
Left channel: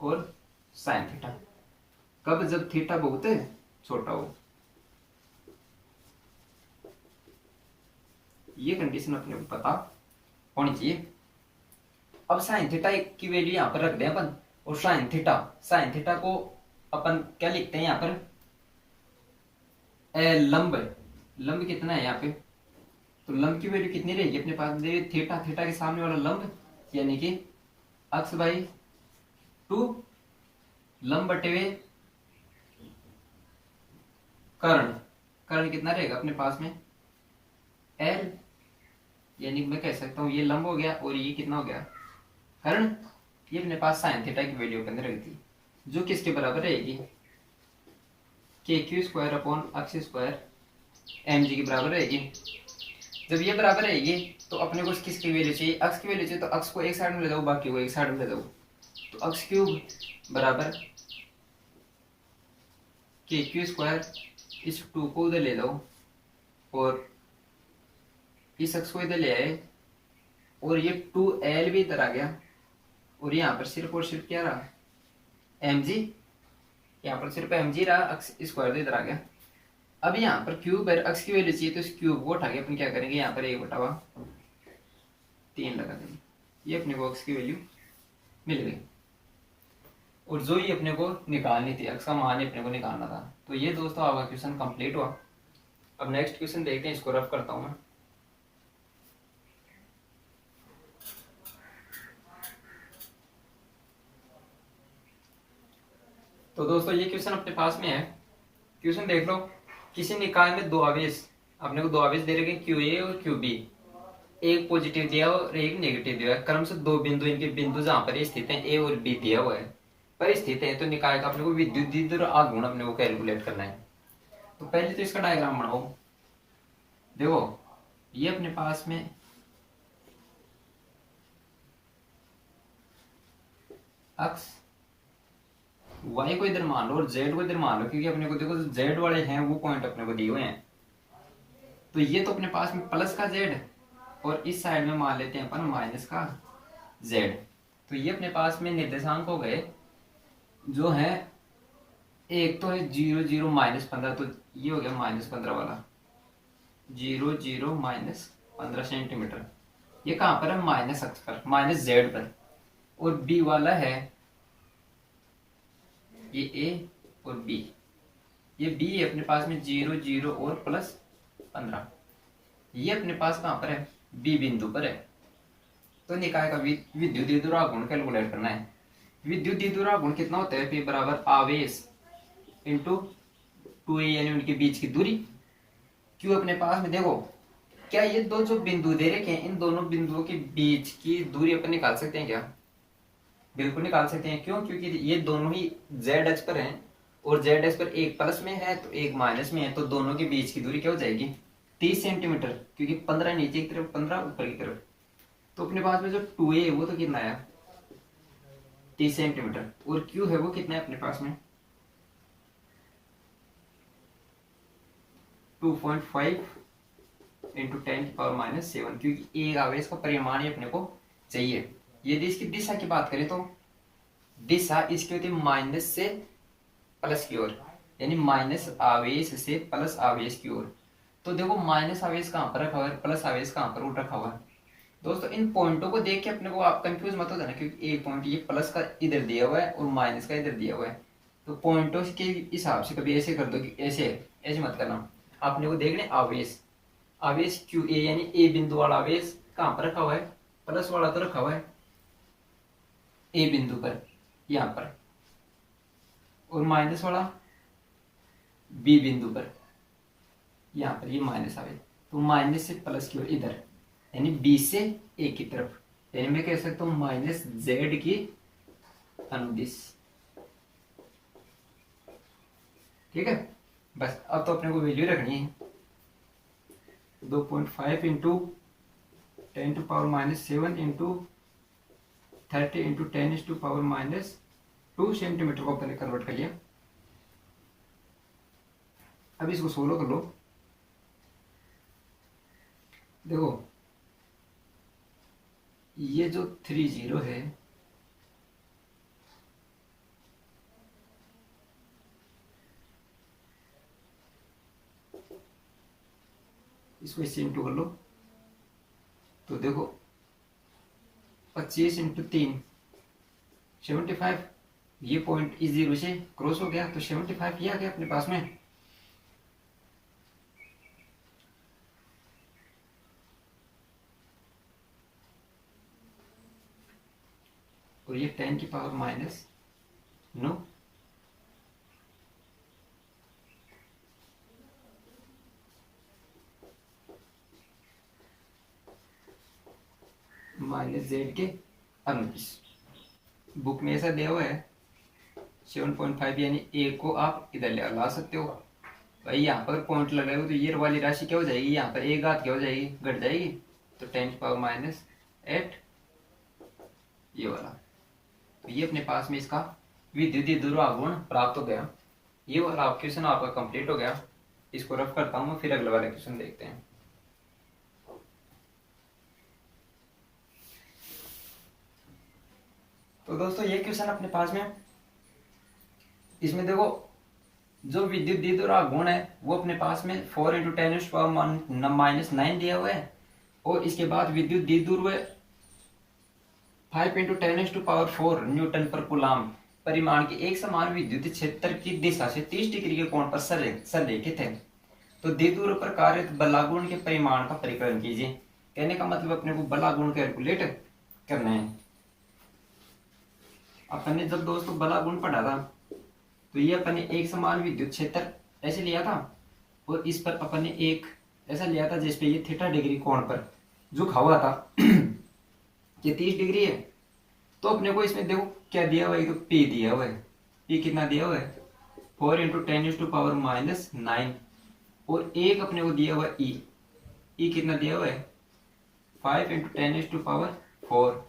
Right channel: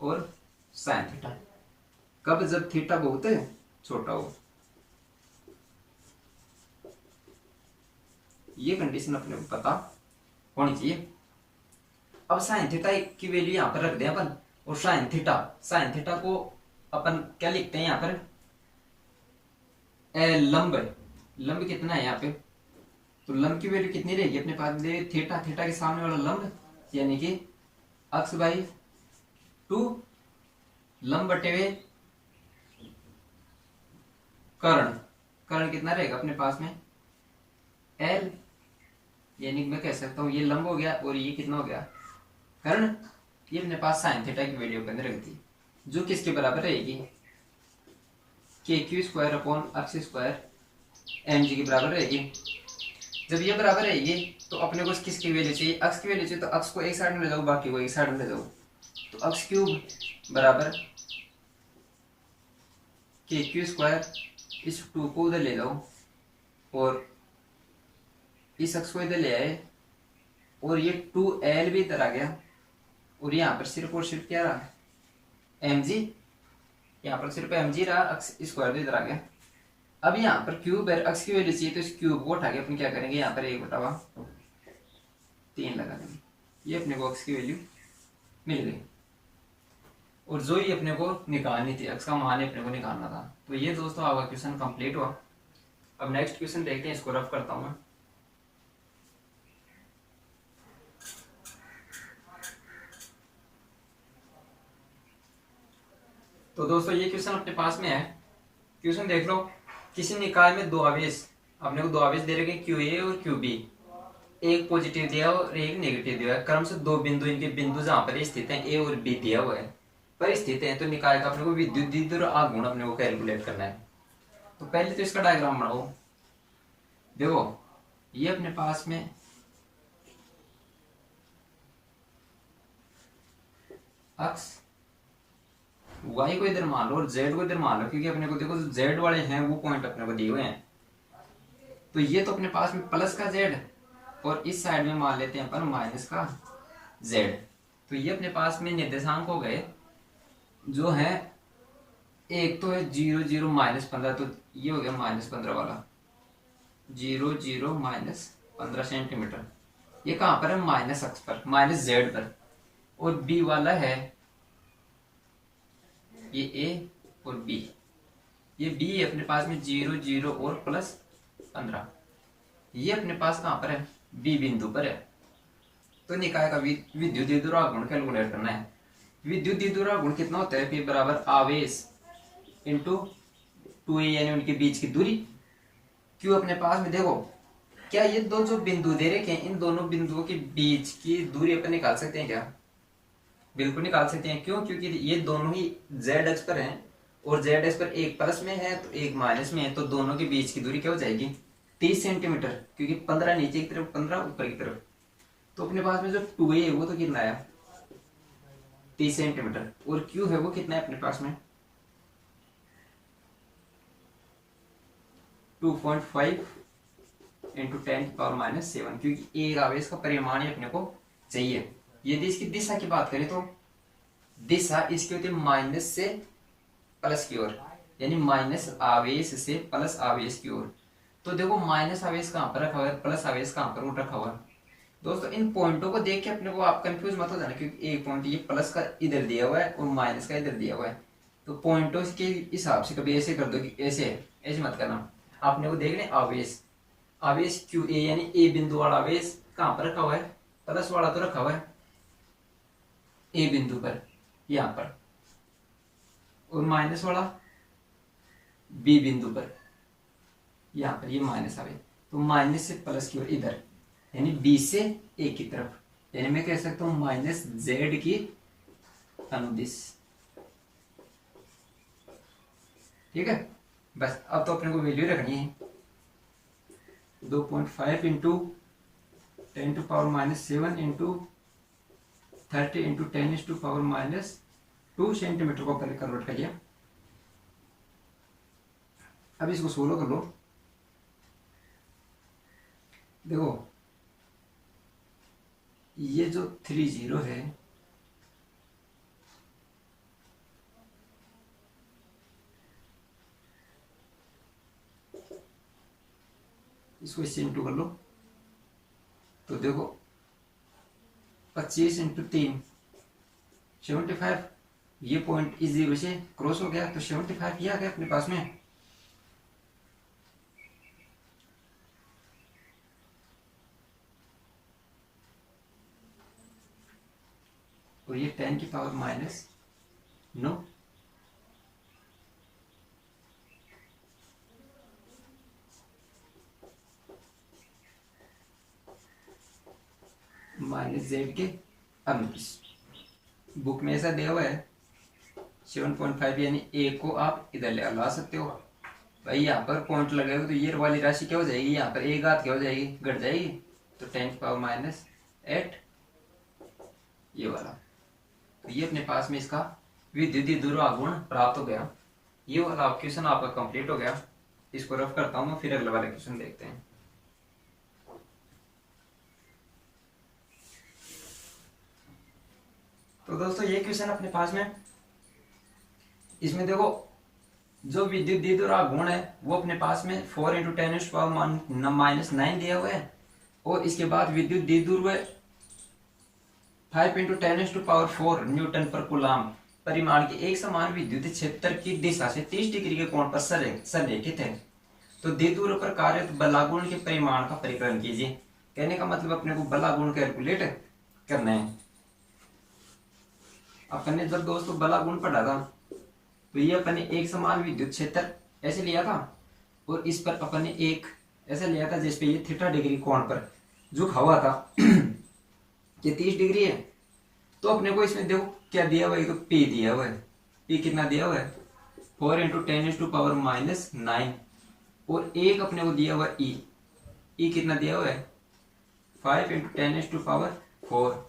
और साइन थीटा, कब, जब थीटा बहुत छोटा हो। ये कंडीशन अपने को पता होनी चाहिए। अब साइन थीटा की वैल्यू यहां पर रख दें अपन, और साइन थीटा को अपन क्या लिखते हैं यहाँ पर, लंब कितना है यहाँ पे, तो लंब की वैल्यू कितनी रहेगी अपने पास, थीटा के सामने वाला लंब यानी कि अक्स बाई 2 लंब बटे हुए कर्ण कितना रहेगा अपने पास में एल, यानी मैं कह सकता हूं ये लंब हो गया और ये कितना हो गया कर्ण, ये अपने पास साइन थीटा की वैल्यू के अंदर रख दी, जो किसके बराबर रहेगी, के क्यू स्क्वायर अपॉन अक्स स्क्वायर एम जी के बराबर रहेगी। जब ये बराबर रहेगी तो अपने को किसकी वैल्यू चाहिए, अक्स की वैल्यू चाहिए, तो अक्स को एक साइड में ले जाओ, बाकी को एक साइड में ले जाओ, तो अक्स क्यूब बराबर के क्यू स्क्वायर, इस 2 को उधर ले जाओ और इस अक्स को इधर ले आए, और ये 2l भी इधर आ गया, और यहाँ पर सिर्फ और सिर्फ क्या रहा mg, यहाँ पर सिर्फ mg रहा, अक्स स्क्वायर इधर आ गया। अब यहाँ पर क्यूब है, अक्स की वैल्यू चाहिए, तो इस क्यूब को उठा के अपन क्या करेंगे, यहाँ पर 1/3 लगा देंगे, ये अपने को अक्स की वैल्यू मिल गई। और जो ये अपने को निकालनी थी, अक्स का मान ही अपने को निकालना था। तो ये दोस्तों आपका क्वेश्चन कंप्लीट हुआ। अब नेक्स्ट क्वेश्चन देखते हैं, इसको रफ करता हूं मैं। तो दोस्तों ये क्वेश्चन अपने पास में है, क्वेश्चन देख लो, किसी निकाय में दो आवेश, अपने को दो आवेश दे रखे क्यू ए और क्यू बी, एक पॉजिटिव दिया और एक नेगेटिव दिया है, क्रम से दो बिंदु, इनके बिंदु जहां पर स्थित हैं ए और बी दिया हुआ है पर स्थित है, तो निकाय का अपने को विद्युत और आघूर्ण अपने को कैलकुलेट करना है। तो पहले तो इसका डायग्राम बनाओ। देखो ये अपने पास में अक्स वाई को इधर मान लो और जेड को इधर मान लो, क्योंकि अपने को देखो जेड वाले हैं वो पॉइंट अपने को दिए हुए हैं। तो ये तो अपने पास में प्लस का जेड, और इस साइड में मान लेते हैं अपन माइनस का जेड। तो ये अपने पास में निर्देशांक हो गए जो है, एक तो है 0 0 -15, तो ये हो गया -15 वाला, 0 0 -15 सेंटीमीटर, ये कहां पर है, माइनस अक्स पर, माइनस जेड पर। और बी वाला है ये ए और बी, ये बी अपने पास में 0 0 और +15, ये अपने पास कहां पर है, बी बिंदु पर है। तो निकाय का विद्युत द्विध्रुव कैलकुलेट करना है। विद्युत द्विध्रुव कितना होता है, P बराबर आवेश इंटू 2a, यानी उनके बीच की दूरी। क्यों अपने पास में देखो, क्या ये दो जो बिंदु दे रखे हैं, इन दोनों बिंदुओं के बीच की दूरी अपन निकाल सकते हैं क्या, बिल्कुल निकाल सकते हैं। क्यों, क्योंकि ये दोनों ही z अक्ष पर हैं, और z अक्ष पर एक प्लस में है तो एक माइनस में है, तो दोनों के बीच की दूरी क्या हो जाएगी, 30 सेंटीमीटर, क्योंकि 15 नीचे की तरफ 15 ऊपर की तरफ। तो अपने पास में जो 2a है वो तो कितना आया, 30 सेंटीमीटर, और q है वो कितना है अपने पास में 2.5 इंटू 10⁻⁷, क्योंकि एक आवेश का परिमाण ही अपने को चाहिए। यदि इसकी दिशा की बात करें तो दिशा इसकी होती है माइनस से प्लस की ओर, यानी माइनस आवेश से प्लस आवेश की ओर। तो देखो माइनस आवेश कहां पर रखा हुआ है, प्लस आवेश कहां पर रखा हुआ है। दोस्तों इन पॉइंटों को देख के अपने को आप कंफ्यूज मत हो जाना, क्योंकि एक पॉइंट ये प्लस का इधर दिया हुआ है और माइनस का इधर दिया हुआ है। तो पॉइंटों के हिसाब से कभी ऐसे कर दो कि ऐसे मत करना। आपने को देखने आवेश क्यू ए, यानी ए बिंदु वाला आवेश कहां पर रखा हुआ है, प्लस वाला तो रखा हुआ है ए बिंदु पर यहां पर, और माइनस वाला बी बिंदु पर यहां पर, ये माइनस आवेश। तो माइनस से प्लस की ओर इधर, यानी बी से ए की तरफ, यानी मैं कह सकता हूं माइनस जेड की अनुदिश। ठीक है, बस अब तो अपने को वैल्यू रखनी है 2.5 इंटू 10⁻⁻7 इंटू 30 इंटू 10⁻⁻2 सेंटीमीटर को पहले कन्वर्ट कर लिया। अब इसको सोल्व कर लो। देखो ये जो 30 है इसको इससे इंटू कर लो, तो देखो 25 इंटू 3 75, ये पॉइंट इस 0 से क्रॉस हो गया तो 75 ये आ गया अपने पास में। और ये 10⁻⁻9, माइनस जेड के अनुदिश। बुक में ऐसा दिया हुआ है 7.5, यानी ए को आप इधर ला सकते हो। भाई यहाँ पर पॉइंट लगाए हो तो ये वाली राशि क्या हो जाएगी, यहाँ पर एक घात क्या हो जाएगी, घट जाएगी, तो 10⁻⁸ ये वाला। तो ये अपने पास में इसका विद्युतीय दुर्वागुण प्राप्त हो गया। ये वाला क्वेश्चन आपका कंप्लीट हो गया। इसको रफ करता हूँ, फिर अगले वाले क्वेश्चन देखते हैं। तो दोस्तों ये क्वेश्चन अपने पास में, इसमें देखो जो विद्युत द्विध्रुव है वो अपने पास में 4 इंटू 10⁻⁻9 दिया हुआ है, और इसके बाद विद्युत द्विध्रुव 5 इंटू 10⁴ न्यूटन पर कूलाम परिमाण के एक समान विद्युत क्षेत्र की दिशा से 30 डिग्री के कोण पर संरेखित है। तो द्विध्रुव पर कार्यरत बलागुण के परिमाण का परिकलन कीजिए। कहने का मतलब अपने को बलागुण कैलकुलेट करना है। अपन ने जब दोस्तों बलागुण पढ़ा था तो ये अपन ने एक समान विद्युत क्षेत्र ऐसे लिया था, और इस पर अपन ने एक ऐसा लिया था जिसपे ये थीटा डिग्री कोण पर झुका हुआ था ये 30 डिग्री है। तो अपने को इसमें देखो क्या दिया हुआ है, तो P दिया हुआ है। P कितना दिया हुआ है 4 इंटू 10⁻⁻9, और एक अपने को दिया हुआ E कितना दिया हुआ है 5 इंटू 10⁴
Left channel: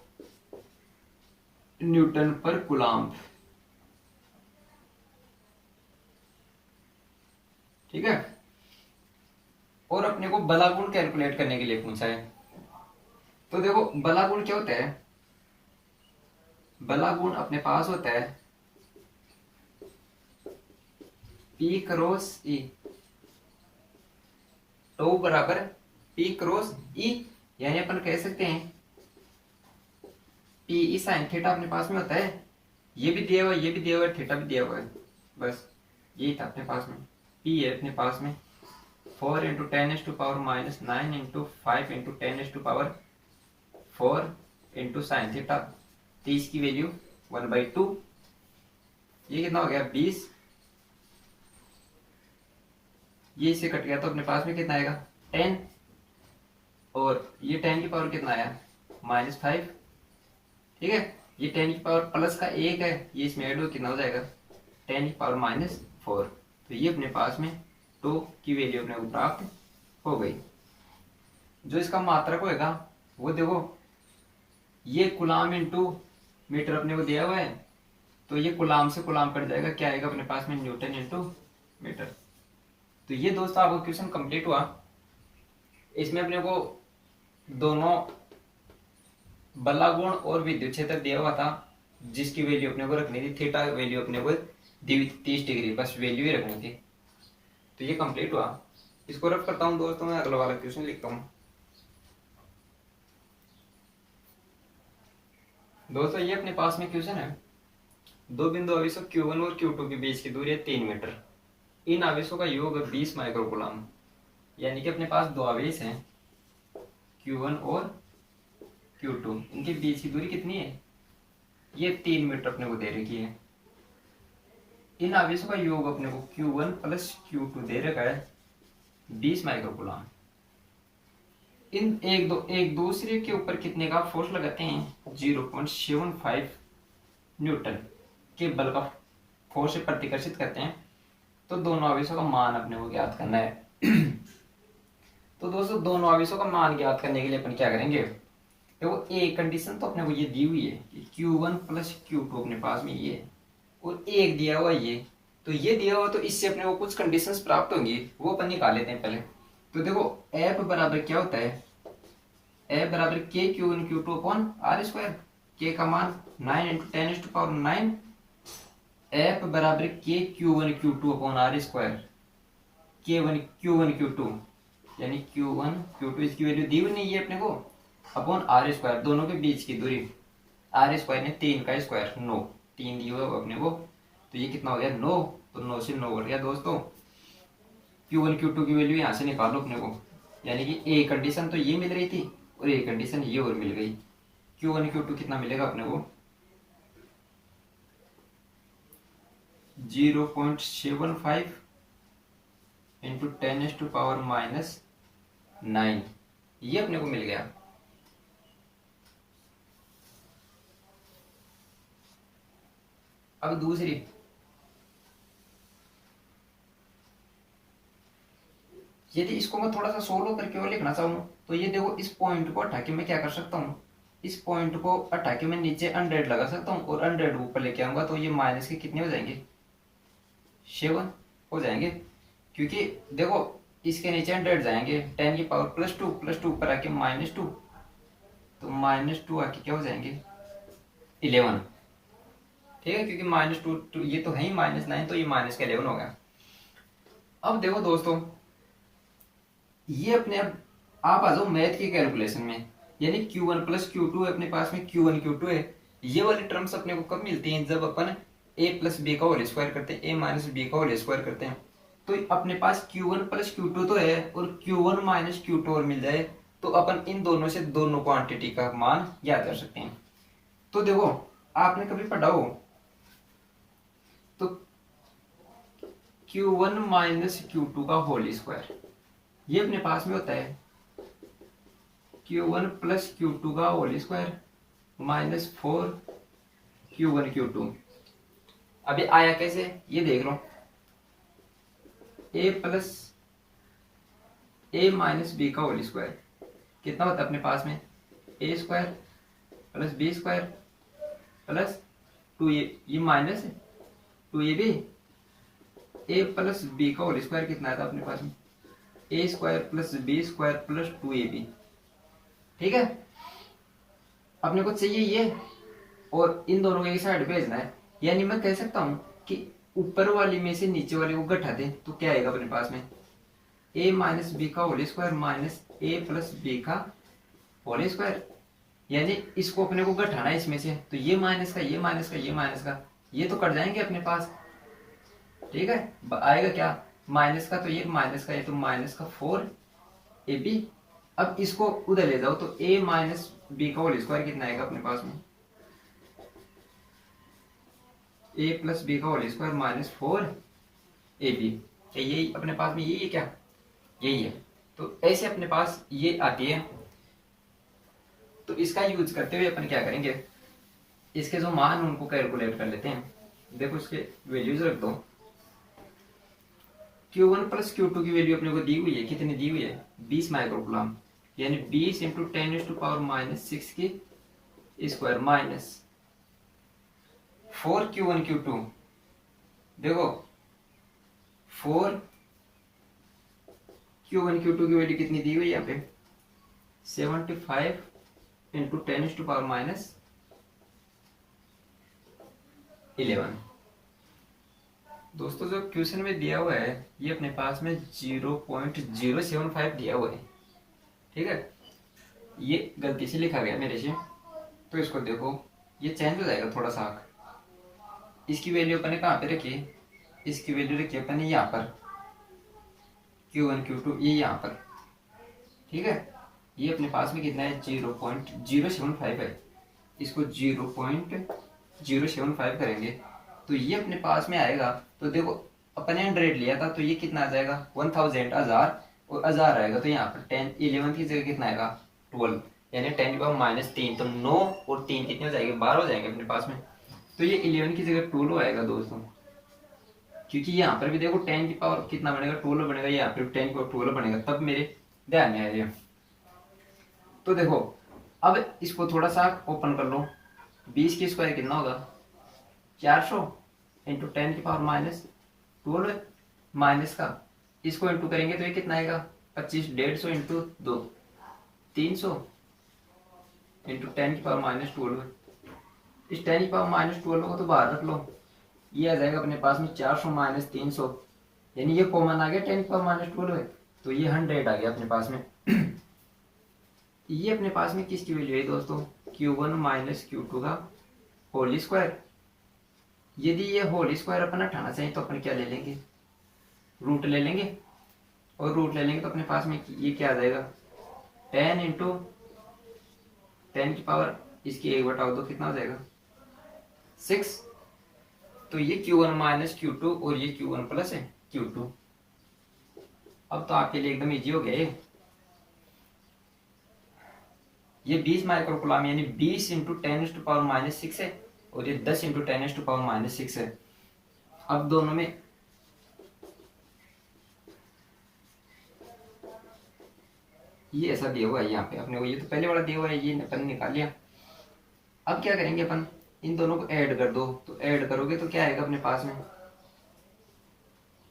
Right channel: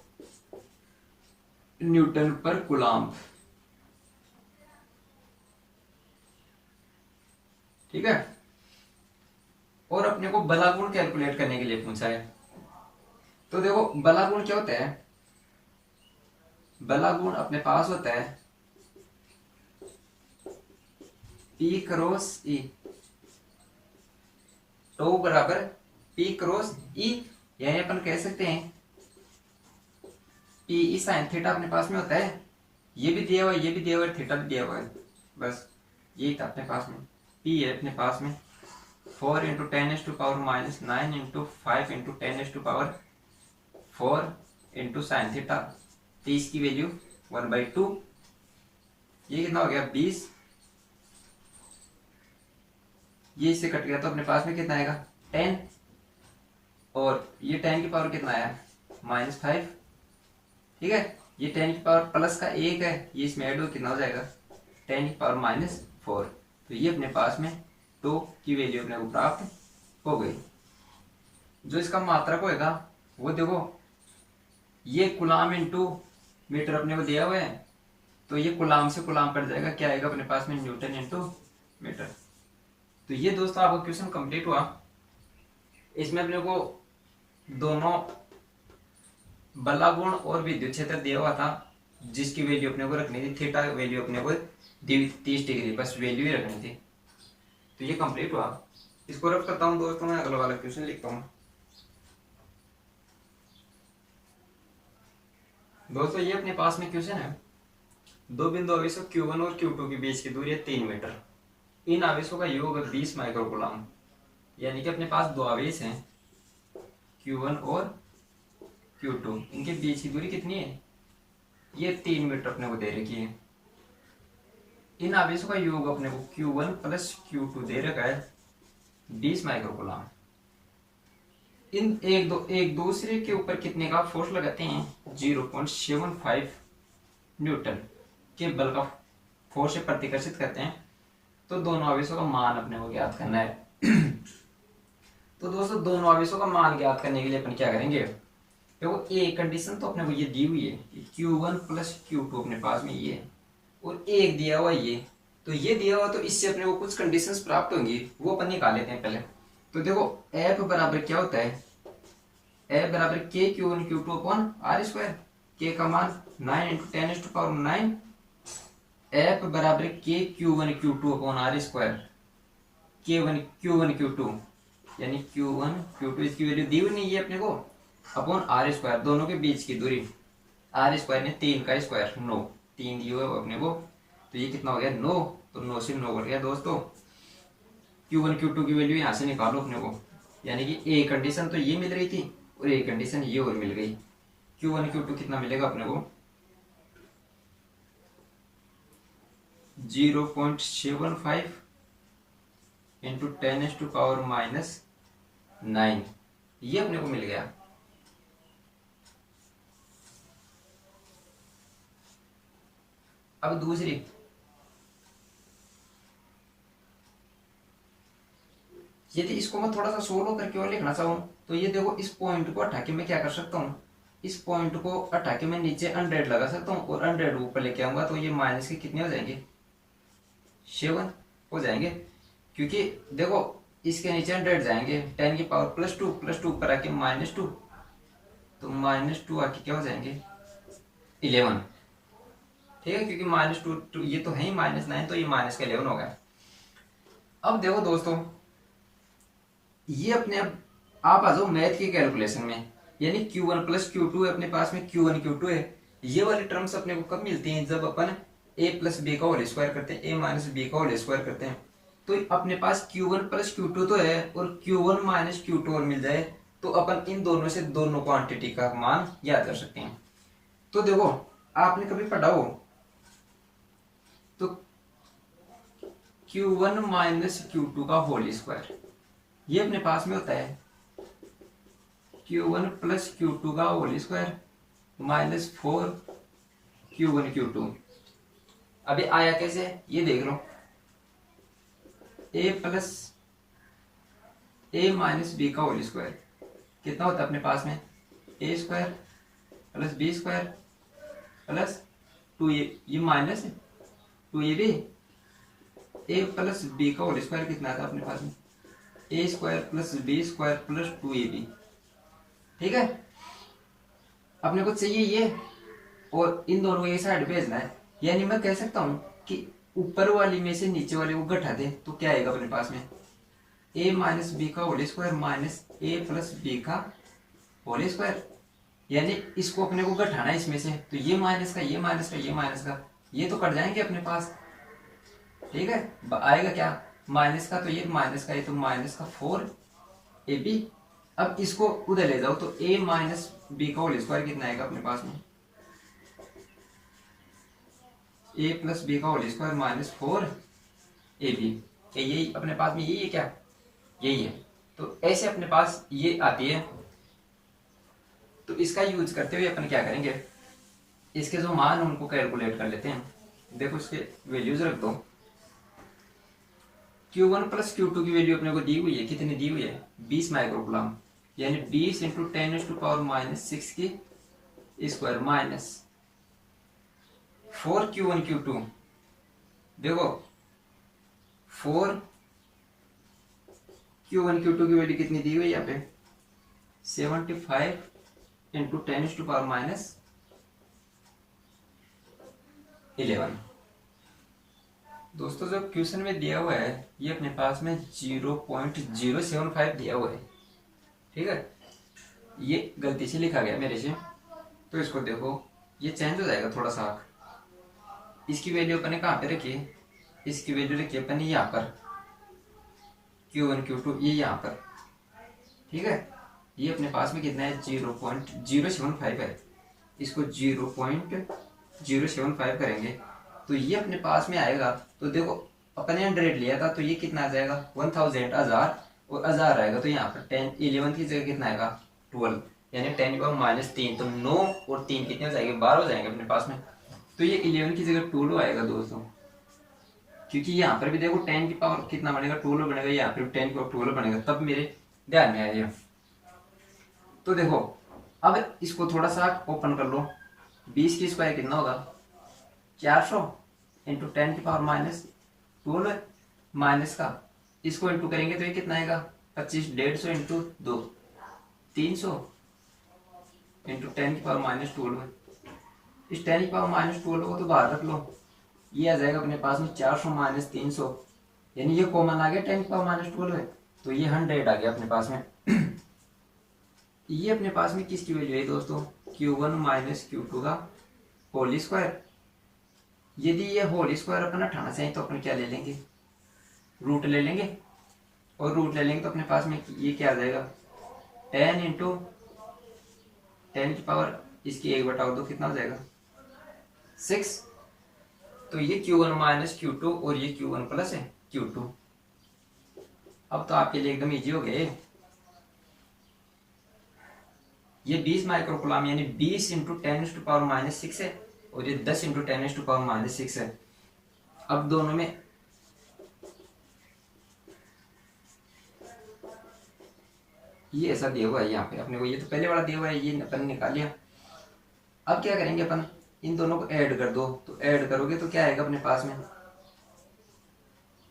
न्यूटन पर कूलाम। ठीक है, और अपने को बलागुण कैलकुलेट करने के लिए पूछा है। तो देखो बलागुण क्या होता है, बलागुण अपने पास होता है P क्रॉस E, टो बराबर P क्रॉस E, यानी अपन कह सकते हैं P E साइन थीटा अपने पास में होता है। ये भी दिया हुआ है, ये भी दिया हुआ है, थीटा भी दिया हुआ है, बस यही था अपने पास में। P है अपने पास में 4 into 10⁻⁻9 into 5 into 10⁴ into sine theta, 30 की वैल्यू 1/2, ये कितना हो गया 20, ये इससे कट गया तो अपने पास में कितना आएगा 10, और ये 10 की पावर कितना आया -5। ठीक है, ये 10 की पावर प्लस का 1 है, ये इसमें ऐड हो कितना हो जाएगा 10 की पावर -4। तो ये अपने पास में 2 की वैल्यू अपने को प्राप्त हो गई। जो इसका मात्रक होएगा वो देखो, ये कूलाम इंटू मीटर अपने को दिया हुआ है, तो ये कूलाम से कूलाम कट जाएगा, क्या आएगा अपने पास में न्यूटन इंटू मीटर। तो ये दोस्तों आपका क्वेश्चन कंप्लीट हुआ। इसमें अपने को दोनों बलागुण और विद्युत क्षेत्र दिया हुआ था, जिसकी वैल्यू अपने को रखनी थी, थीटा वैल्यू अपने को 30 डिग्री, बस वैल्यू ही रखनी थी। तो ये कंप्लीट हुआ। इसको रफ करता हूँ दोस्तों, मैं अगला वाला क्वेश्चन लिखता हूँ। दोस्तों ये अपने पास में क्वेश्चन है, दो बिंदु आवेशों Q1 और Q2 के बीच की दूरी है 3 मीटर। इन आवेशों का योग है 20 माइक्रोकूलम। यानी कि अपने पास दो आवेश हैं Q1 और Q2, इनके बीच की दूरी कितनी है, ये 3 मीटर अपने को दे रखी है। इन आवेशों का योग अपने को Q1 प्लस Q2 दे रखा है 20 माइक्रोकूलम। इन एक दूसरे के ऊपर कितने का फोर्स लगाते हैं, 0.75 न्यूटन के बल का फोर्स से प्रतिकर्षित करते हैं। तो दोनों आवेशों का मान अपने को ज्ञात करना है। तो दोस्तों दोनों आवेशों का मान ज्ञात करने के लिए अपन क्या करेंगे, देखो एक कंडीशन तो अपने को ये दी हुई है कि Q1 प्लस Q2 अपने पास में ये है, और एक दिया हुआ ये, तो ये दिया हुआ तो इससे अपने को कुछ कंडीशंस प्राप्त होंगी, वो अपन निकाल लेते हैं पहले। तो देखो F बराबर क्या होता है, F बराबर K Q1 Q2 upon R square, K का मान 9 इंटू 10⁹ F बराबर K Q1 Q2 upon R square, Q1 Q2 यानी Q1 Q2 इसकी वैल्यू दी हुई नहीं है अपने को, अपॉन R स्क्वायर दोनों के बीच की दूरी, R स्क्वायर ने 3 का स्क्वायर 9, 3 दिए हुए अपने को, तो ये कितना हो गया 9, तो 9 से 9 बढ़ गया दोस्तों। Q1 Q2 की वैल्यू यहाँ से निकालो अपने को, यानी कि एक कंडीशन तो ये मिल रही थी और एक कंडीशन ये और मिल गई। Q1 Q2 कितना मिलेगा अपने को, 0.75 इंटू 10⁻⁹ ये अपने को मिल गया। अब दूसरी, यदि इसको मैं थोड़ा सा सोल्व करके और लिखना चाहूँ तो ये देखो इस पॉइंट को हटा के मैं क्या कर सकता हूँ, इस पॉइंट को हटा के मैं नीचे 100 लगा सकता हूँ और 100 ऊपर लेके आऊंगा, तो ये माइनस के कितने हो जाएंगे, 7 हो जाएंगे, क्योंकि देखो इसके नीचे 100 जाएंगे, 10 की पावर +2 ऊपर आके -2, तो -2 आके क्या हो जाएंगे 11, ठीक है, क्योंकि -2 ये तो है ही -9, तो ये -11 हो गया। अब देखो दोस्तों ये अपने आप आ जाओ मैथ की कैलकुलेशन में, यानी Q1 प्लस Q2 है अपने पास में, Q1 Q2 है, ये वाली टर्म्स अपने को कब मिलती हैं, जब अपन a प्लस बी का होल स्क्वायर करते हैं, a माइनस बी का होल स्क्वायर करते हैं। तो अपने पास Q1 प्लस Q2 तो है और Q1 माइनस Q2 और मिल जाए, तो अपन इन दोनों से दोनों क्वांटिटी का मान याद कर सकते हैं। तो देखो आपने कभी पढ़ा हो तो Q1 माइनस Q2 का होल स्क्वायर, ये अपने पास में होता है Q1 प्लस Q2 का होल स्क्वायर -4 Q1 Q2। अभी आया कैसे ये देख लो, a plus a minus b का होल स्क्वायर कितना होता है अपने पास में, a square plus B square plus 2a, ये माइनस है 2ab, a प्लस बी का होल स्क्वायर कितना आता है अपने पास में, a square plus B square plus 2ab, ठीक है। अपने को चाहिए ये और इन दोनों को एक साइड भेजना है, यानी मैं कह सकता हूं कि ऊपर वाली में से नीचे वाले को घटा दे तो क्या आएगा अपने पास में, a माइनस बी का whole square minus a plus b का होल स्क्वायर, यानी इसको अपने को घटाना है इसमें से, तो ये माइनस का ये माइनस का ये माइनस का ये तो कट जाएंगे अपने पास, ठीक है। आएगा क्या माइनस का, तो ये माइनस का, ये तो माइनस का 4ab। अब इसको उधर ले जाओ तो a माइनस बी का होल स्क्वायर कितना आएगा अपने पास में, a प्लस बी का होल स्क्वायर -4ab, यही अपने पास में यही है क्या, यही है। तो ऐसे अपने पास ये आती है, तो इसका यूज करते हुए अपन क्या करेंगे, इसके जो मान उनको कैलकुलेट कर लेते हैं। देखो इसके वैल्यूज रख दो, Q1 प्लस Q2 की वैल्यू अपने को दी हुई है, कितनी दी हुई है 20 माइक्रोकूलम, यानी 20 इंटू 10⁻⁻6 की स्क्वायर माइनस 4 Q1 Q2, देखो 4 Q1 Q2 की वैल्यू कितनी दी हुई है यहाँ पे 75 इंटू 10⁻11। दोस्तों जो क्वेश्चन में दिया हुआ है ये अपने पास में 0.075 दिया हुआ है, ठीक है, ये गलती से लिखा गया मेरे से, तो इसको देखो ये चेंज हो जाएगा थोड़ा सा। इसकी वैल्यू अपने कहाँ पे रखी है, इसकी वैल्यू रखी है अपने यहाँ पर Q1 Q2 ये यहाँ पर, ठीक है। ये अपने पास में कितना है 0.075 है, इसको 0.075 करेंगे तो ये अपने पास में आएगा। तो देखो अपने 100 लिया था तो ये कितना आ जाएगा 1000 और 1000 आएगा, तो यहाँ पर 10 11 की जगह कितना आएगा 12, यानी 10⁻³ तो 9 और 3 कितने हो जाएंगे 12 हो जाएंगे अपने पास में। तो ये 11 की जगह 12 आएगा दोस्तों, क्योंकि यहाँ पर भी देखो 10 की पावर कितना बनेगा 12 बनेगा, यहाँ पर 10 की पावर 12 बनेगा, तब मेरे ध्यान में आया। तो देखो अब इसको थोड़ा सा ओपन कर लो, 20 की स्क्वायर कितना होगा 400 इंटू 10⁻⁻12 माइनस का, इसको इंटू करेंगे तो ये कितना आएगा 25, 150 इंटू 2 300 इंटू 10⁻⁻12। इस 10⁻⁻12 को तो बाहर रख लो, ये आ जाएगा अपने पास में 400 माइनस 300, यानी ये कॉमन आ गया 10⁻⁻12, तो ये 100 आ गया अपने पास में। ये अपने पास में किसकी वैल्यू है दोस्तों, Q1 माइनस Q2 का होल स्क्वायर। यदि ये होल स्क्वायर अपन हटाना चाहिए तो अपन क्या ले लेंगे, रूट ले लेंगे, और रूट ले लेंगे तो अपने पास में ये क्या आ जाएगा 10 इंटू 10 की पावर इसकी 1/2 कितना हो जाएगा 6। तो ये Q1 माइनस Q2 और ये Q1 प्लस है Q2। अब तो आपके लिए एकदम इजी हो गया ये 20 माइक्रोकुलाम यानी 20 इंटू 10⁻⁻6 है, और ये 10 इंटू 10⁻⁻6 है। अब दोनों में ये ऐसा दिया हुआ है यहाँ पे अपने को, ये तो पहले वाला दिया हुआ है, ये अपन निकाल लिया। अब क्या करेंगे अपन, इन दोनों को ऐड कर दो, तो ऐड करोगे तो क्या आएगा अपने पास में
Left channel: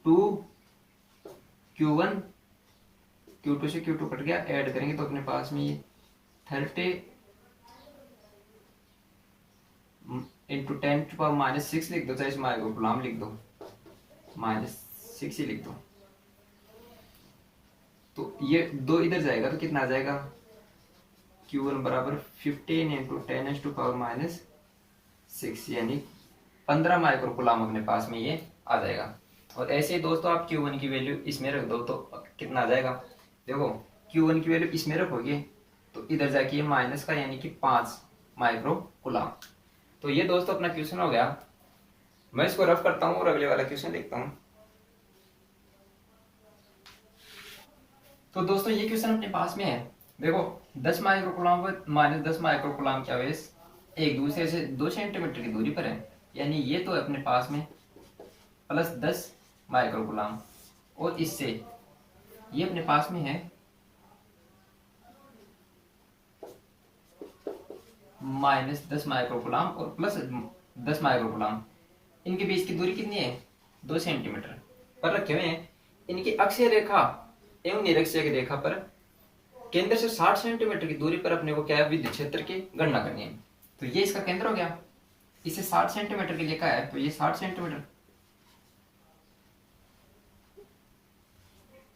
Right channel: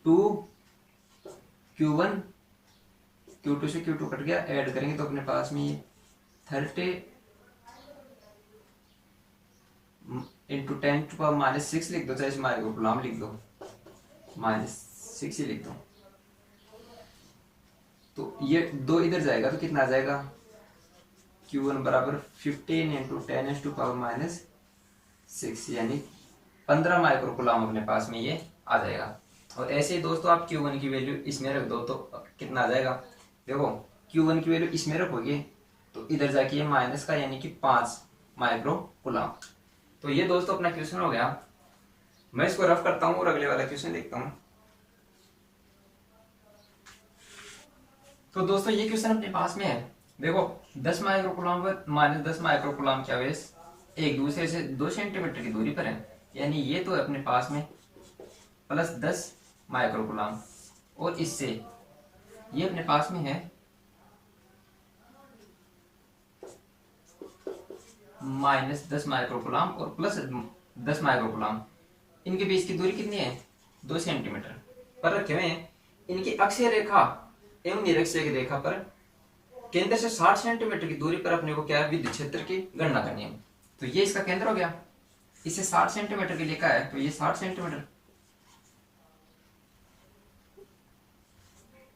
2Q1, Q2 से Q2 कट गया, ऐड करेंगे तो अपने पास में ये 30 इंटू 10⁻⁻6 लिख दो, चाहे इस माइक्रोकुलाम लिख दो, -6 ही लिख दो। तो ये 2 इधर जाएगा तो कितना आ जाएगा Q1 बराबर 15 इंटू 10⁻⁻6 यानी 15 माइक्रोकुलाम अपने पास में ये आ जाएगा। और ऐसे ही दोस्तों आप Q1 की वैल्यू इसमें रख दो तो कितना आ जाएगा, देखो Q1 की वैल्यू इसमें रखोगे तो इधर जाके ये माइनस का यानी कि 5 माइक्रोकुलाम। तो ये दोस्तों अपना क्वेश्चन हो गया। मैं इसको रफ करता हूँ और अगले वाला क्वेश्चन लिखता हूँ। तो दोस्तों ये क्वेश्चन अपने पास में है, देखो 10 माइक्रोकुलाम व -10 माइक्रोकुलाम क्या वेस एक दूसरे से 2 सेंटीमीटर की दूरी पर है, यानी ये तो अपने पास में +10 माइक्रोकुलाम, और इससे ये अपने पास में है -10 माइक्रोकुलाम और +10 माइक्रोकुलाम। इनके बीच की दूरी कितनी है 2 सेंटीमीटर पर रखे हुए हैं। इनकी अक्षीय रेखा एवं निरक्षीय रेखा पर केंद्र से 60 सेंटीमीटर की दूरी पर अपने को क्या है विद्युत क्षेत्र की गणना करनी है। तो ये इसका केंद्र हो गया, इसे 60 सेंटीमीटर की लिखा है तो ये 60 सेंटीमीटर,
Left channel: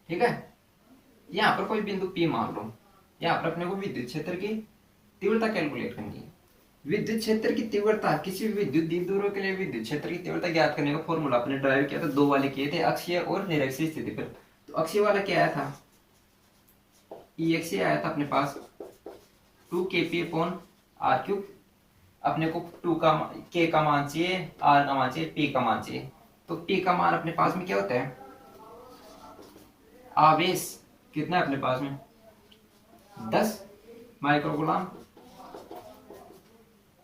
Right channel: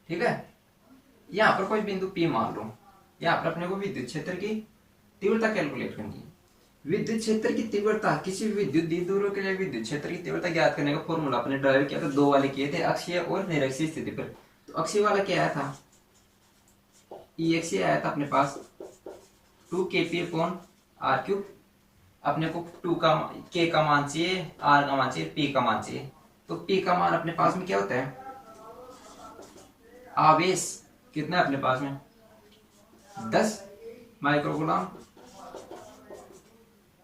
ठीक है। यहाँ पर कोई बिंदु P मान लो, यहाँ पर अपने को विद्युत क्षेत्र की तीव्रता कैलकुलेट करनी है। विद्युत क्षेत्र की तीव्रता किसी विद्युत द्विध्रुव के लिए विद्युत क्षेत्र की तीव्रता ज्ञात करने का फॉर्मूला अपने ड्राइव किया था, 2 वाले किए थे अक्षीय और निरक्षीय स्थिति पर। तो अक्षीय वाला क्या आया था ई अक्षीय आया था अपने पास 2kp/r³। अपने को 2 का k का मान चाहिए, r का मान चाहिए, p का मान चाहिए। तो p का मान अपने पास में क्या होता है आवेश कितना है अपने पास में 10 माइक्रोकुलाम,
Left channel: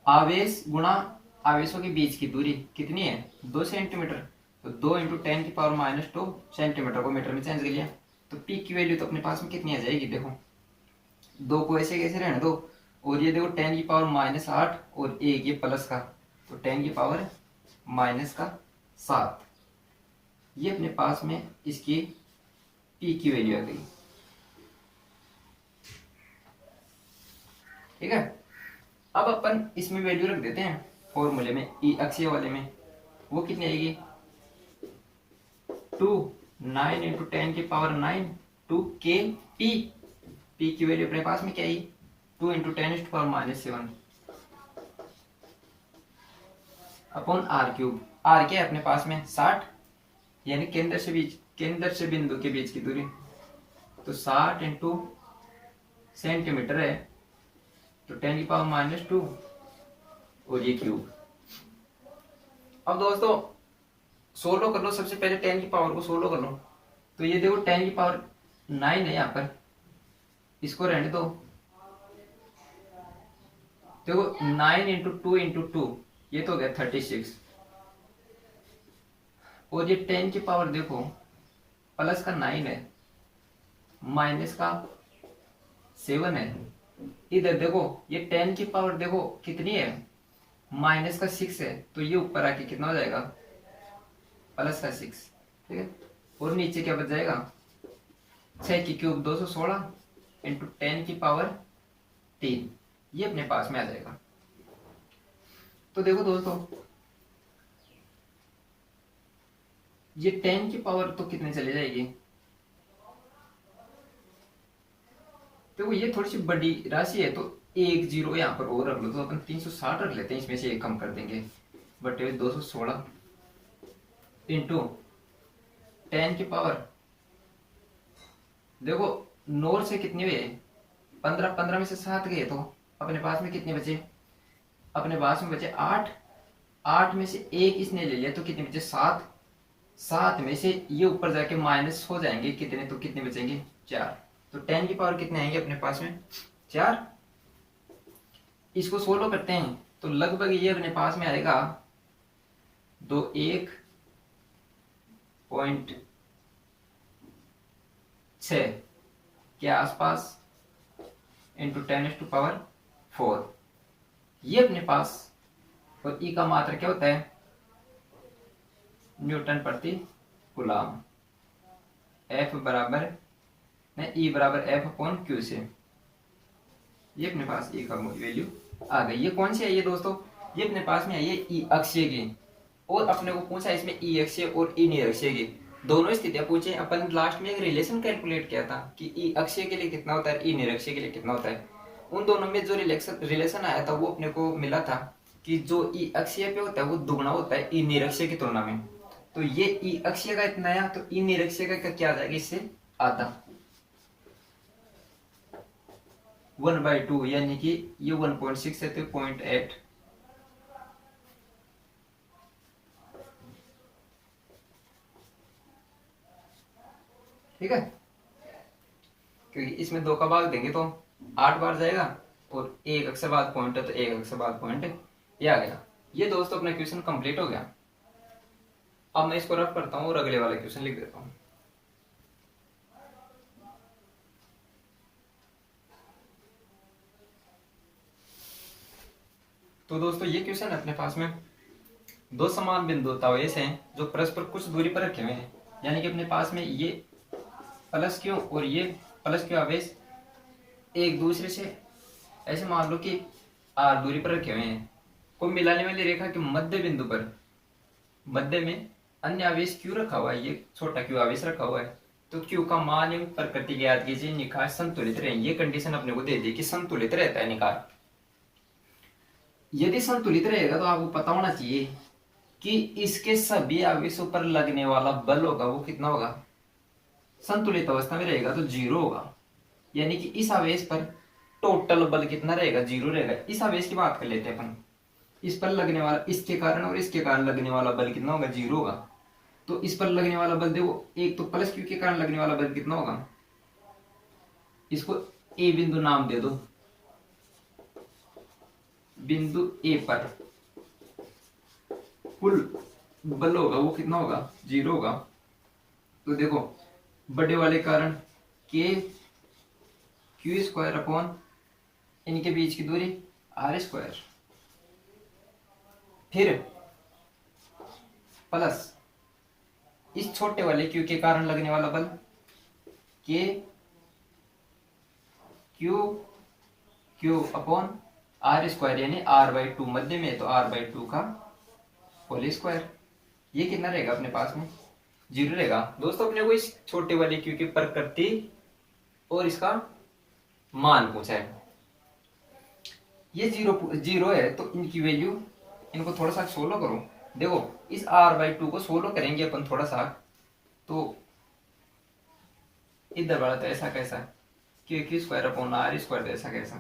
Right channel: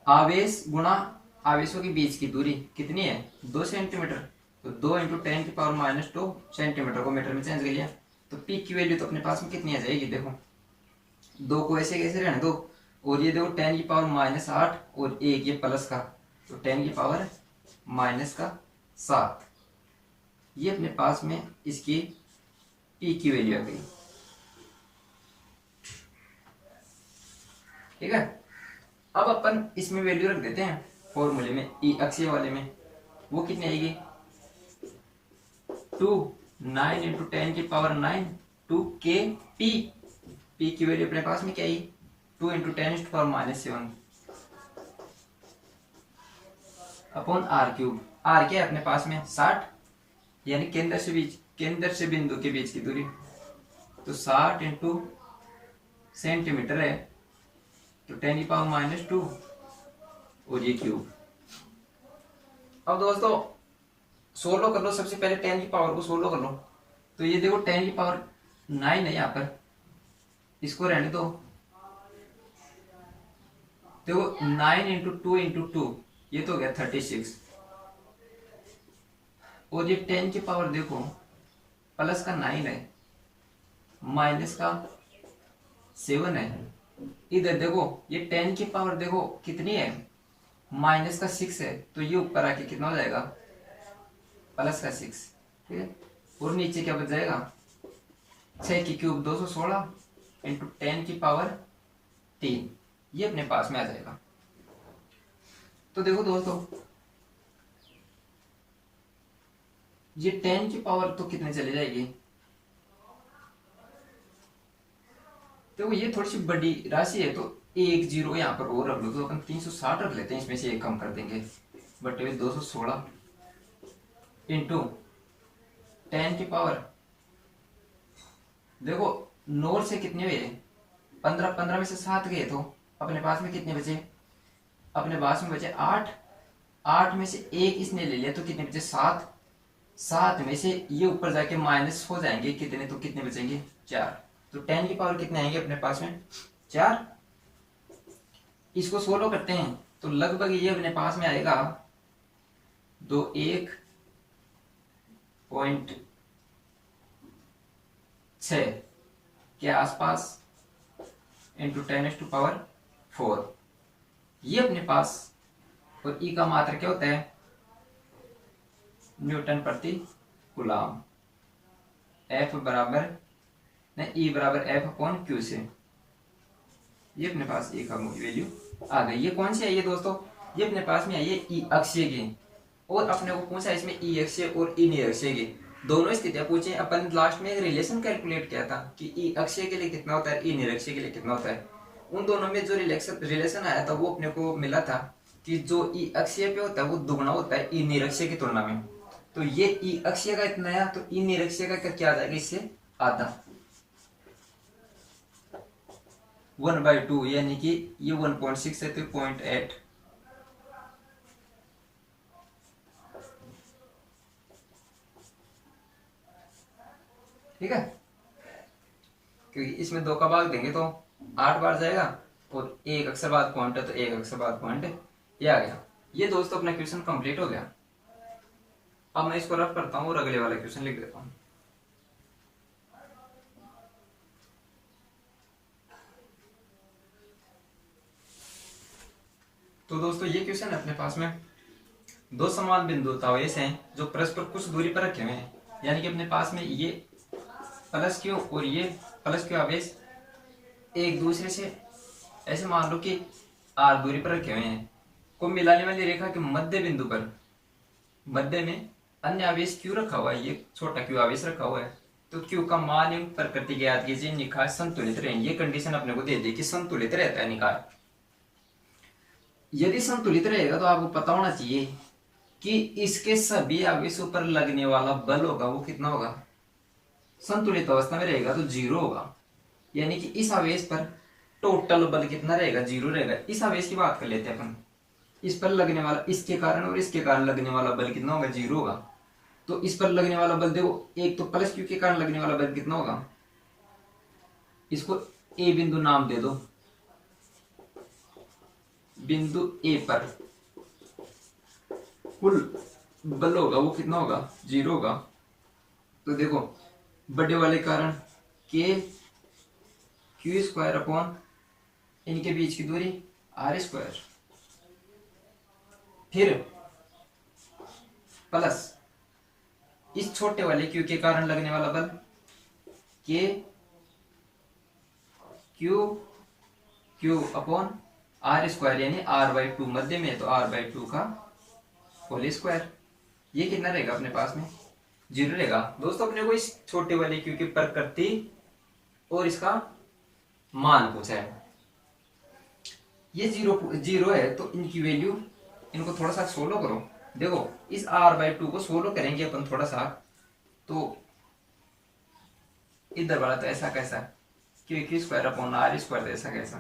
आवेश गुणा आवेशों के बीच की दूरी कितनी है 2 सेंटीमीटर, तो 2 इंटू 10⁻⁻2 सेंटीमीटर को मीटर में चेंज कर लिया। तो P की वैल्यू तो अपने पास में कितनी आ जाएगी, देखो 2 को ऐसे कैसे रहने दो, और ये देखो 10⁻⁸ और एक ये प्लस का, तो 10⁻⁻7 ये अपने पास में इसकी P की वैल्यू आ गई, ठीक है। अब अपन इसमें वैल्यू रख देते हैं फॉर्मूले में, ई अक्षीय वाले में वो कितनी आएगी 9 इंटू 10⁹ 2kp। p की वैल्यू अपने पास में क्या आई 2 इंटू 10⁻⁻7 अपॉन r³। r क्या है अपने पास में 60, यानी केंद्र से बिंदु के बीच की दूरी, तो 60 इंटू सेंटीमीटर है, तो 10⁻⁻2 और ये क्यूब। अब दोस्तों सोल्व कर लो, सबसे पहले 10 की पावर को सोल्व कर लो। तो ये देखो 10 की पावर 9 है यहाँ पर, इसको रहने दो। देखो 9 × 2 × 2 ये तो हो गया 36, और ये 10 की पावर देखो प्लस का 9 है, माइनस का 7 है। इधर देखो ये 10 की पावर देखो कितनी है, माइनस का 6 है, तो ये ऊपर आके कितना हो जाएगा, प्लस का 6। ठीक है, और नीचे क्या बच जाएगा, 6³ 216 × 10 की पावर 3, ये अपने पास में आ जाएगा। तो देखो दोस्तों ये 10 की पावर तो कितने चले जाएगी, देखो ये थोड़ी सी बड़ी राशि है, तो एक जीरो यहाँ पर और रख लो, तो अपन 360 रख लेते हैं, इसमें से एक कम कर देंगे, बटे 216 × 10 की पावर, देखो 9 से कितने हुए, 15, 15 में से 7 गए, तो अपने पास में कितने बचे, अपने पास में बचे 8, 8 में से एक इसने ले लिया तो कितने बचे 7, 7 में से ये ऊपर जाके माइनस हो जाएंगे कितने, तो कितने बचेंगे 4, तो 10 की पावर कितने आएंगे अपने पास में 4। इसको सोल्व करते हैं तो लगभग ये अपने पास में आएगा 21.6 के आसपास × 10⁴ ये अपने पास, और ई का मात्रा क्या होता है, न्यूटन प्रति कूलाम, F बराबर ई बराबर F/Q से, ये अपने पास ई का वैल्यू आ गई। ये कौन सी आई है दोस्तों, ये अपने पास में आई है ई अक्षीय की, और अपने को पूछा इसमें ई अक्षीय और ई निरक्षीय की दोनों स्थितियां पूछे। अपन लास्ट में एक रिलेशन कैलकुलेट किया था कि ई अक्षीय के लिए कितना होता है, ई निरक्षीय के लिए कितना होता है। उन दोनों में जो रिलेशन आया था वो अपने को मिला था कि जो ई अक्षीय पे होता है वो दुगना होता है ई निरक्षीय की तुलना में। तो ये ई अक्षीय का इतना आया, तो ई निरक्षीय का क्या आ जाएगा, इससे आधा 1/2, यानी कि ये 1.6 है तो 0.8। ठीक है, क्योंकि इसमें 2 का भाग देंगे तो 8 बार जाएगा, और एक अक्षर बाद पॉइंट है तो एक अक्षर बाद पॉइंट ये आ गया। ये दोस्तों अपना क्वेश्चन कंप्लीट हो गया। अब मैं इसको रफ करता हूँ और अगले वाला क्वेश्चन लिख देता हूँ। तो दोस्तों ये क्वेश्चन अपने पास में 2 समान बिंदु तावेश हैं जो परस्पर कुछ दूरी पर रखे हुए हैं, यानी कि अपने पास में ये प्लस क्यू और ये प्लस क्यू आवेश एक दूसरे से ऐसे मान लो कि r दूरी पर रखे हुए हैं, को मिलाने वाली रेखा के मध्य बिंदु पर मध्य में अन्य आवेश क्यू रखा हुआ है, ये छोटा क्यू आवेश रखा हुआ है। तो क्यू का मान एवं प्रकृति ज्ञात कीजिए, निकाय संतुलित रहे। ये कंडीशन अपने को दे दी कि संतुलित रहता है निकाय। यदि संतुलित रहेगा तो आपको पता होना चाहिए कि इसके सभी आवेशों पर लगने वाला बल होगा वो कितना होगा, संतुलित अवस्था में रहेगा तो 0 होगा, यानी कि इस आवेश पर टोटल बल कितना रहेगा, 0 रहेगा। इस आवेश की बात कर लेते हैं अपन, इस पर लगने वाला, इसके कारण और इसके कारण लगने वाला बल कितना होगा, 0 होगा। तो इस पर लगने वाला बल देखो, एक तो प्लस क्यू के कारण लगने वाला बल कितना होगा, इसको ए बिंदु नाम दे दो, बिंदु ए पर कुल बल होगा वो कितना होगा, 0 होगा। तो देखो बड़े वाले कारण Q² इनके बीच की दूरी R², फिर प्लस इस छोटे वाले Q के कारण लगने वाला बल Q/R², यानी R/2 मध्य में है तो R/2 का होल स्क्वायर। ये कितना रहेगा अपने पास में, 0 रहेगा। दोस्तों अपने को इस छोटे वाले Q की प्रकृति और इसका मान पूछा है, ये 0 है तो इनकी वैल्यू, इनको थोड़ा सा सोलो करो। देखो इस R/2 को सोलो करेंगे अपन थोड़ा सा, तो इधर वाला तो ऐसा कैसा Q²/R² ऐसा कैसा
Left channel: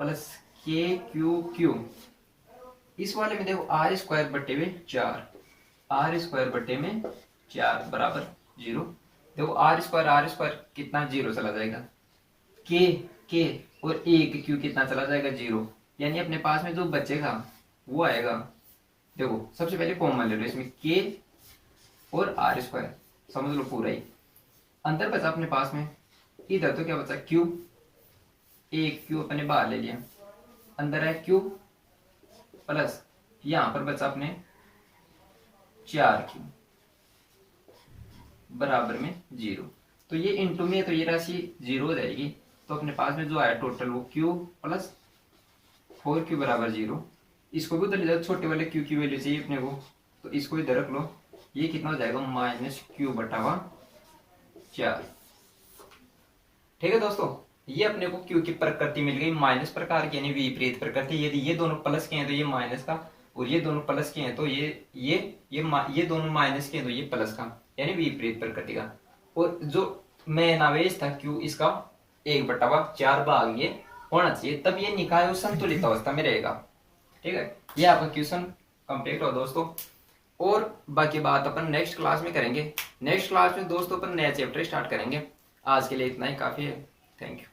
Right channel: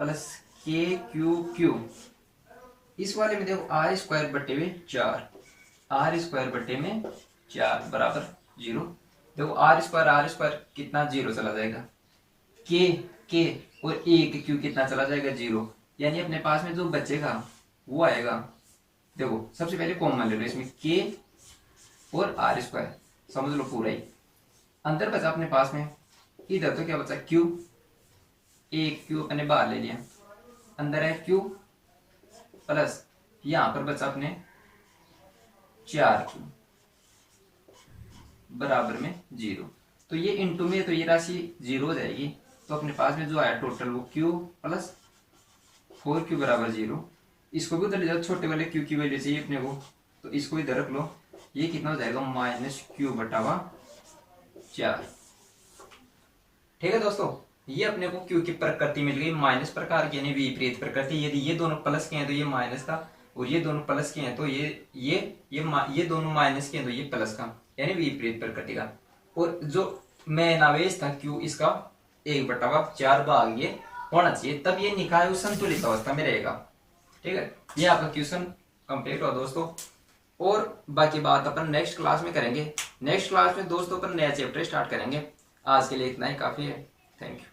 प्लस KQQ, इस वाले में देखो R² बटे में 4, R² बटे में 4 बराबर 0। देखो आर स्क्वायर कितना, जीरो चला जाएगा, के और एक क्यू कितना चला जाएगा, जीरो। यानी अपने पास में जो बचेगा वो आएगा, देखो सबसे पहले कॉमन ले लो इसमें, के और आर स्क्वायर, समझ लो पूरा ही। अंदर बचा अपने पास में, इधर तो क्या बचा, क्यू, एक क्यू अपने बाहर ले लिया, अंदर है क्यू प्लस यहां पर बचा अपने 4 क्यू बराबर में जीरो। तो ये इंटू में तो ये राशि जीरो हो जाएगी, तो अपने पास में जो आया टोटल वो क्यू प्लस 4 क्यू बराबर जीरो। इसको भी उधर ले जाओ, छोटे वाले क्यू की वैल्यू चाहिए अपने को, तो इसको इधर रख लो, ये कितना हो जाएगा, -q/4। ठीक है दोस्तों, ये अपने को क्यू की प्रकृति मिल गई माइनस प्रकार की, यानी विपरीत प्रकृति। यदि ये दोनों प्लस के हैं तो ये माइनस का, और ये दोनों प्लस के हैं तो ये दोनों माइनस के हैं तो ये प्लस का, यानी विपरीत प्रकृति का। और जो मेन आवेश था क्यू, इसका 1/4 भाग ये होना चाहिए, तब ये निकाय और संतुलित अवस्था में रहेगा। ठीक है, ये आपका क्वेश्चन कंप्लीट हुआ दोस्तों। और बाकी बात अपन नेक्स्ट क्लास में करेंगे। नेक्स्ट क्लास में दोस्तों अपन नया चैप्टर स्टार्ट करेंगे। आज के लिए इतना ही काफी है। Thank you.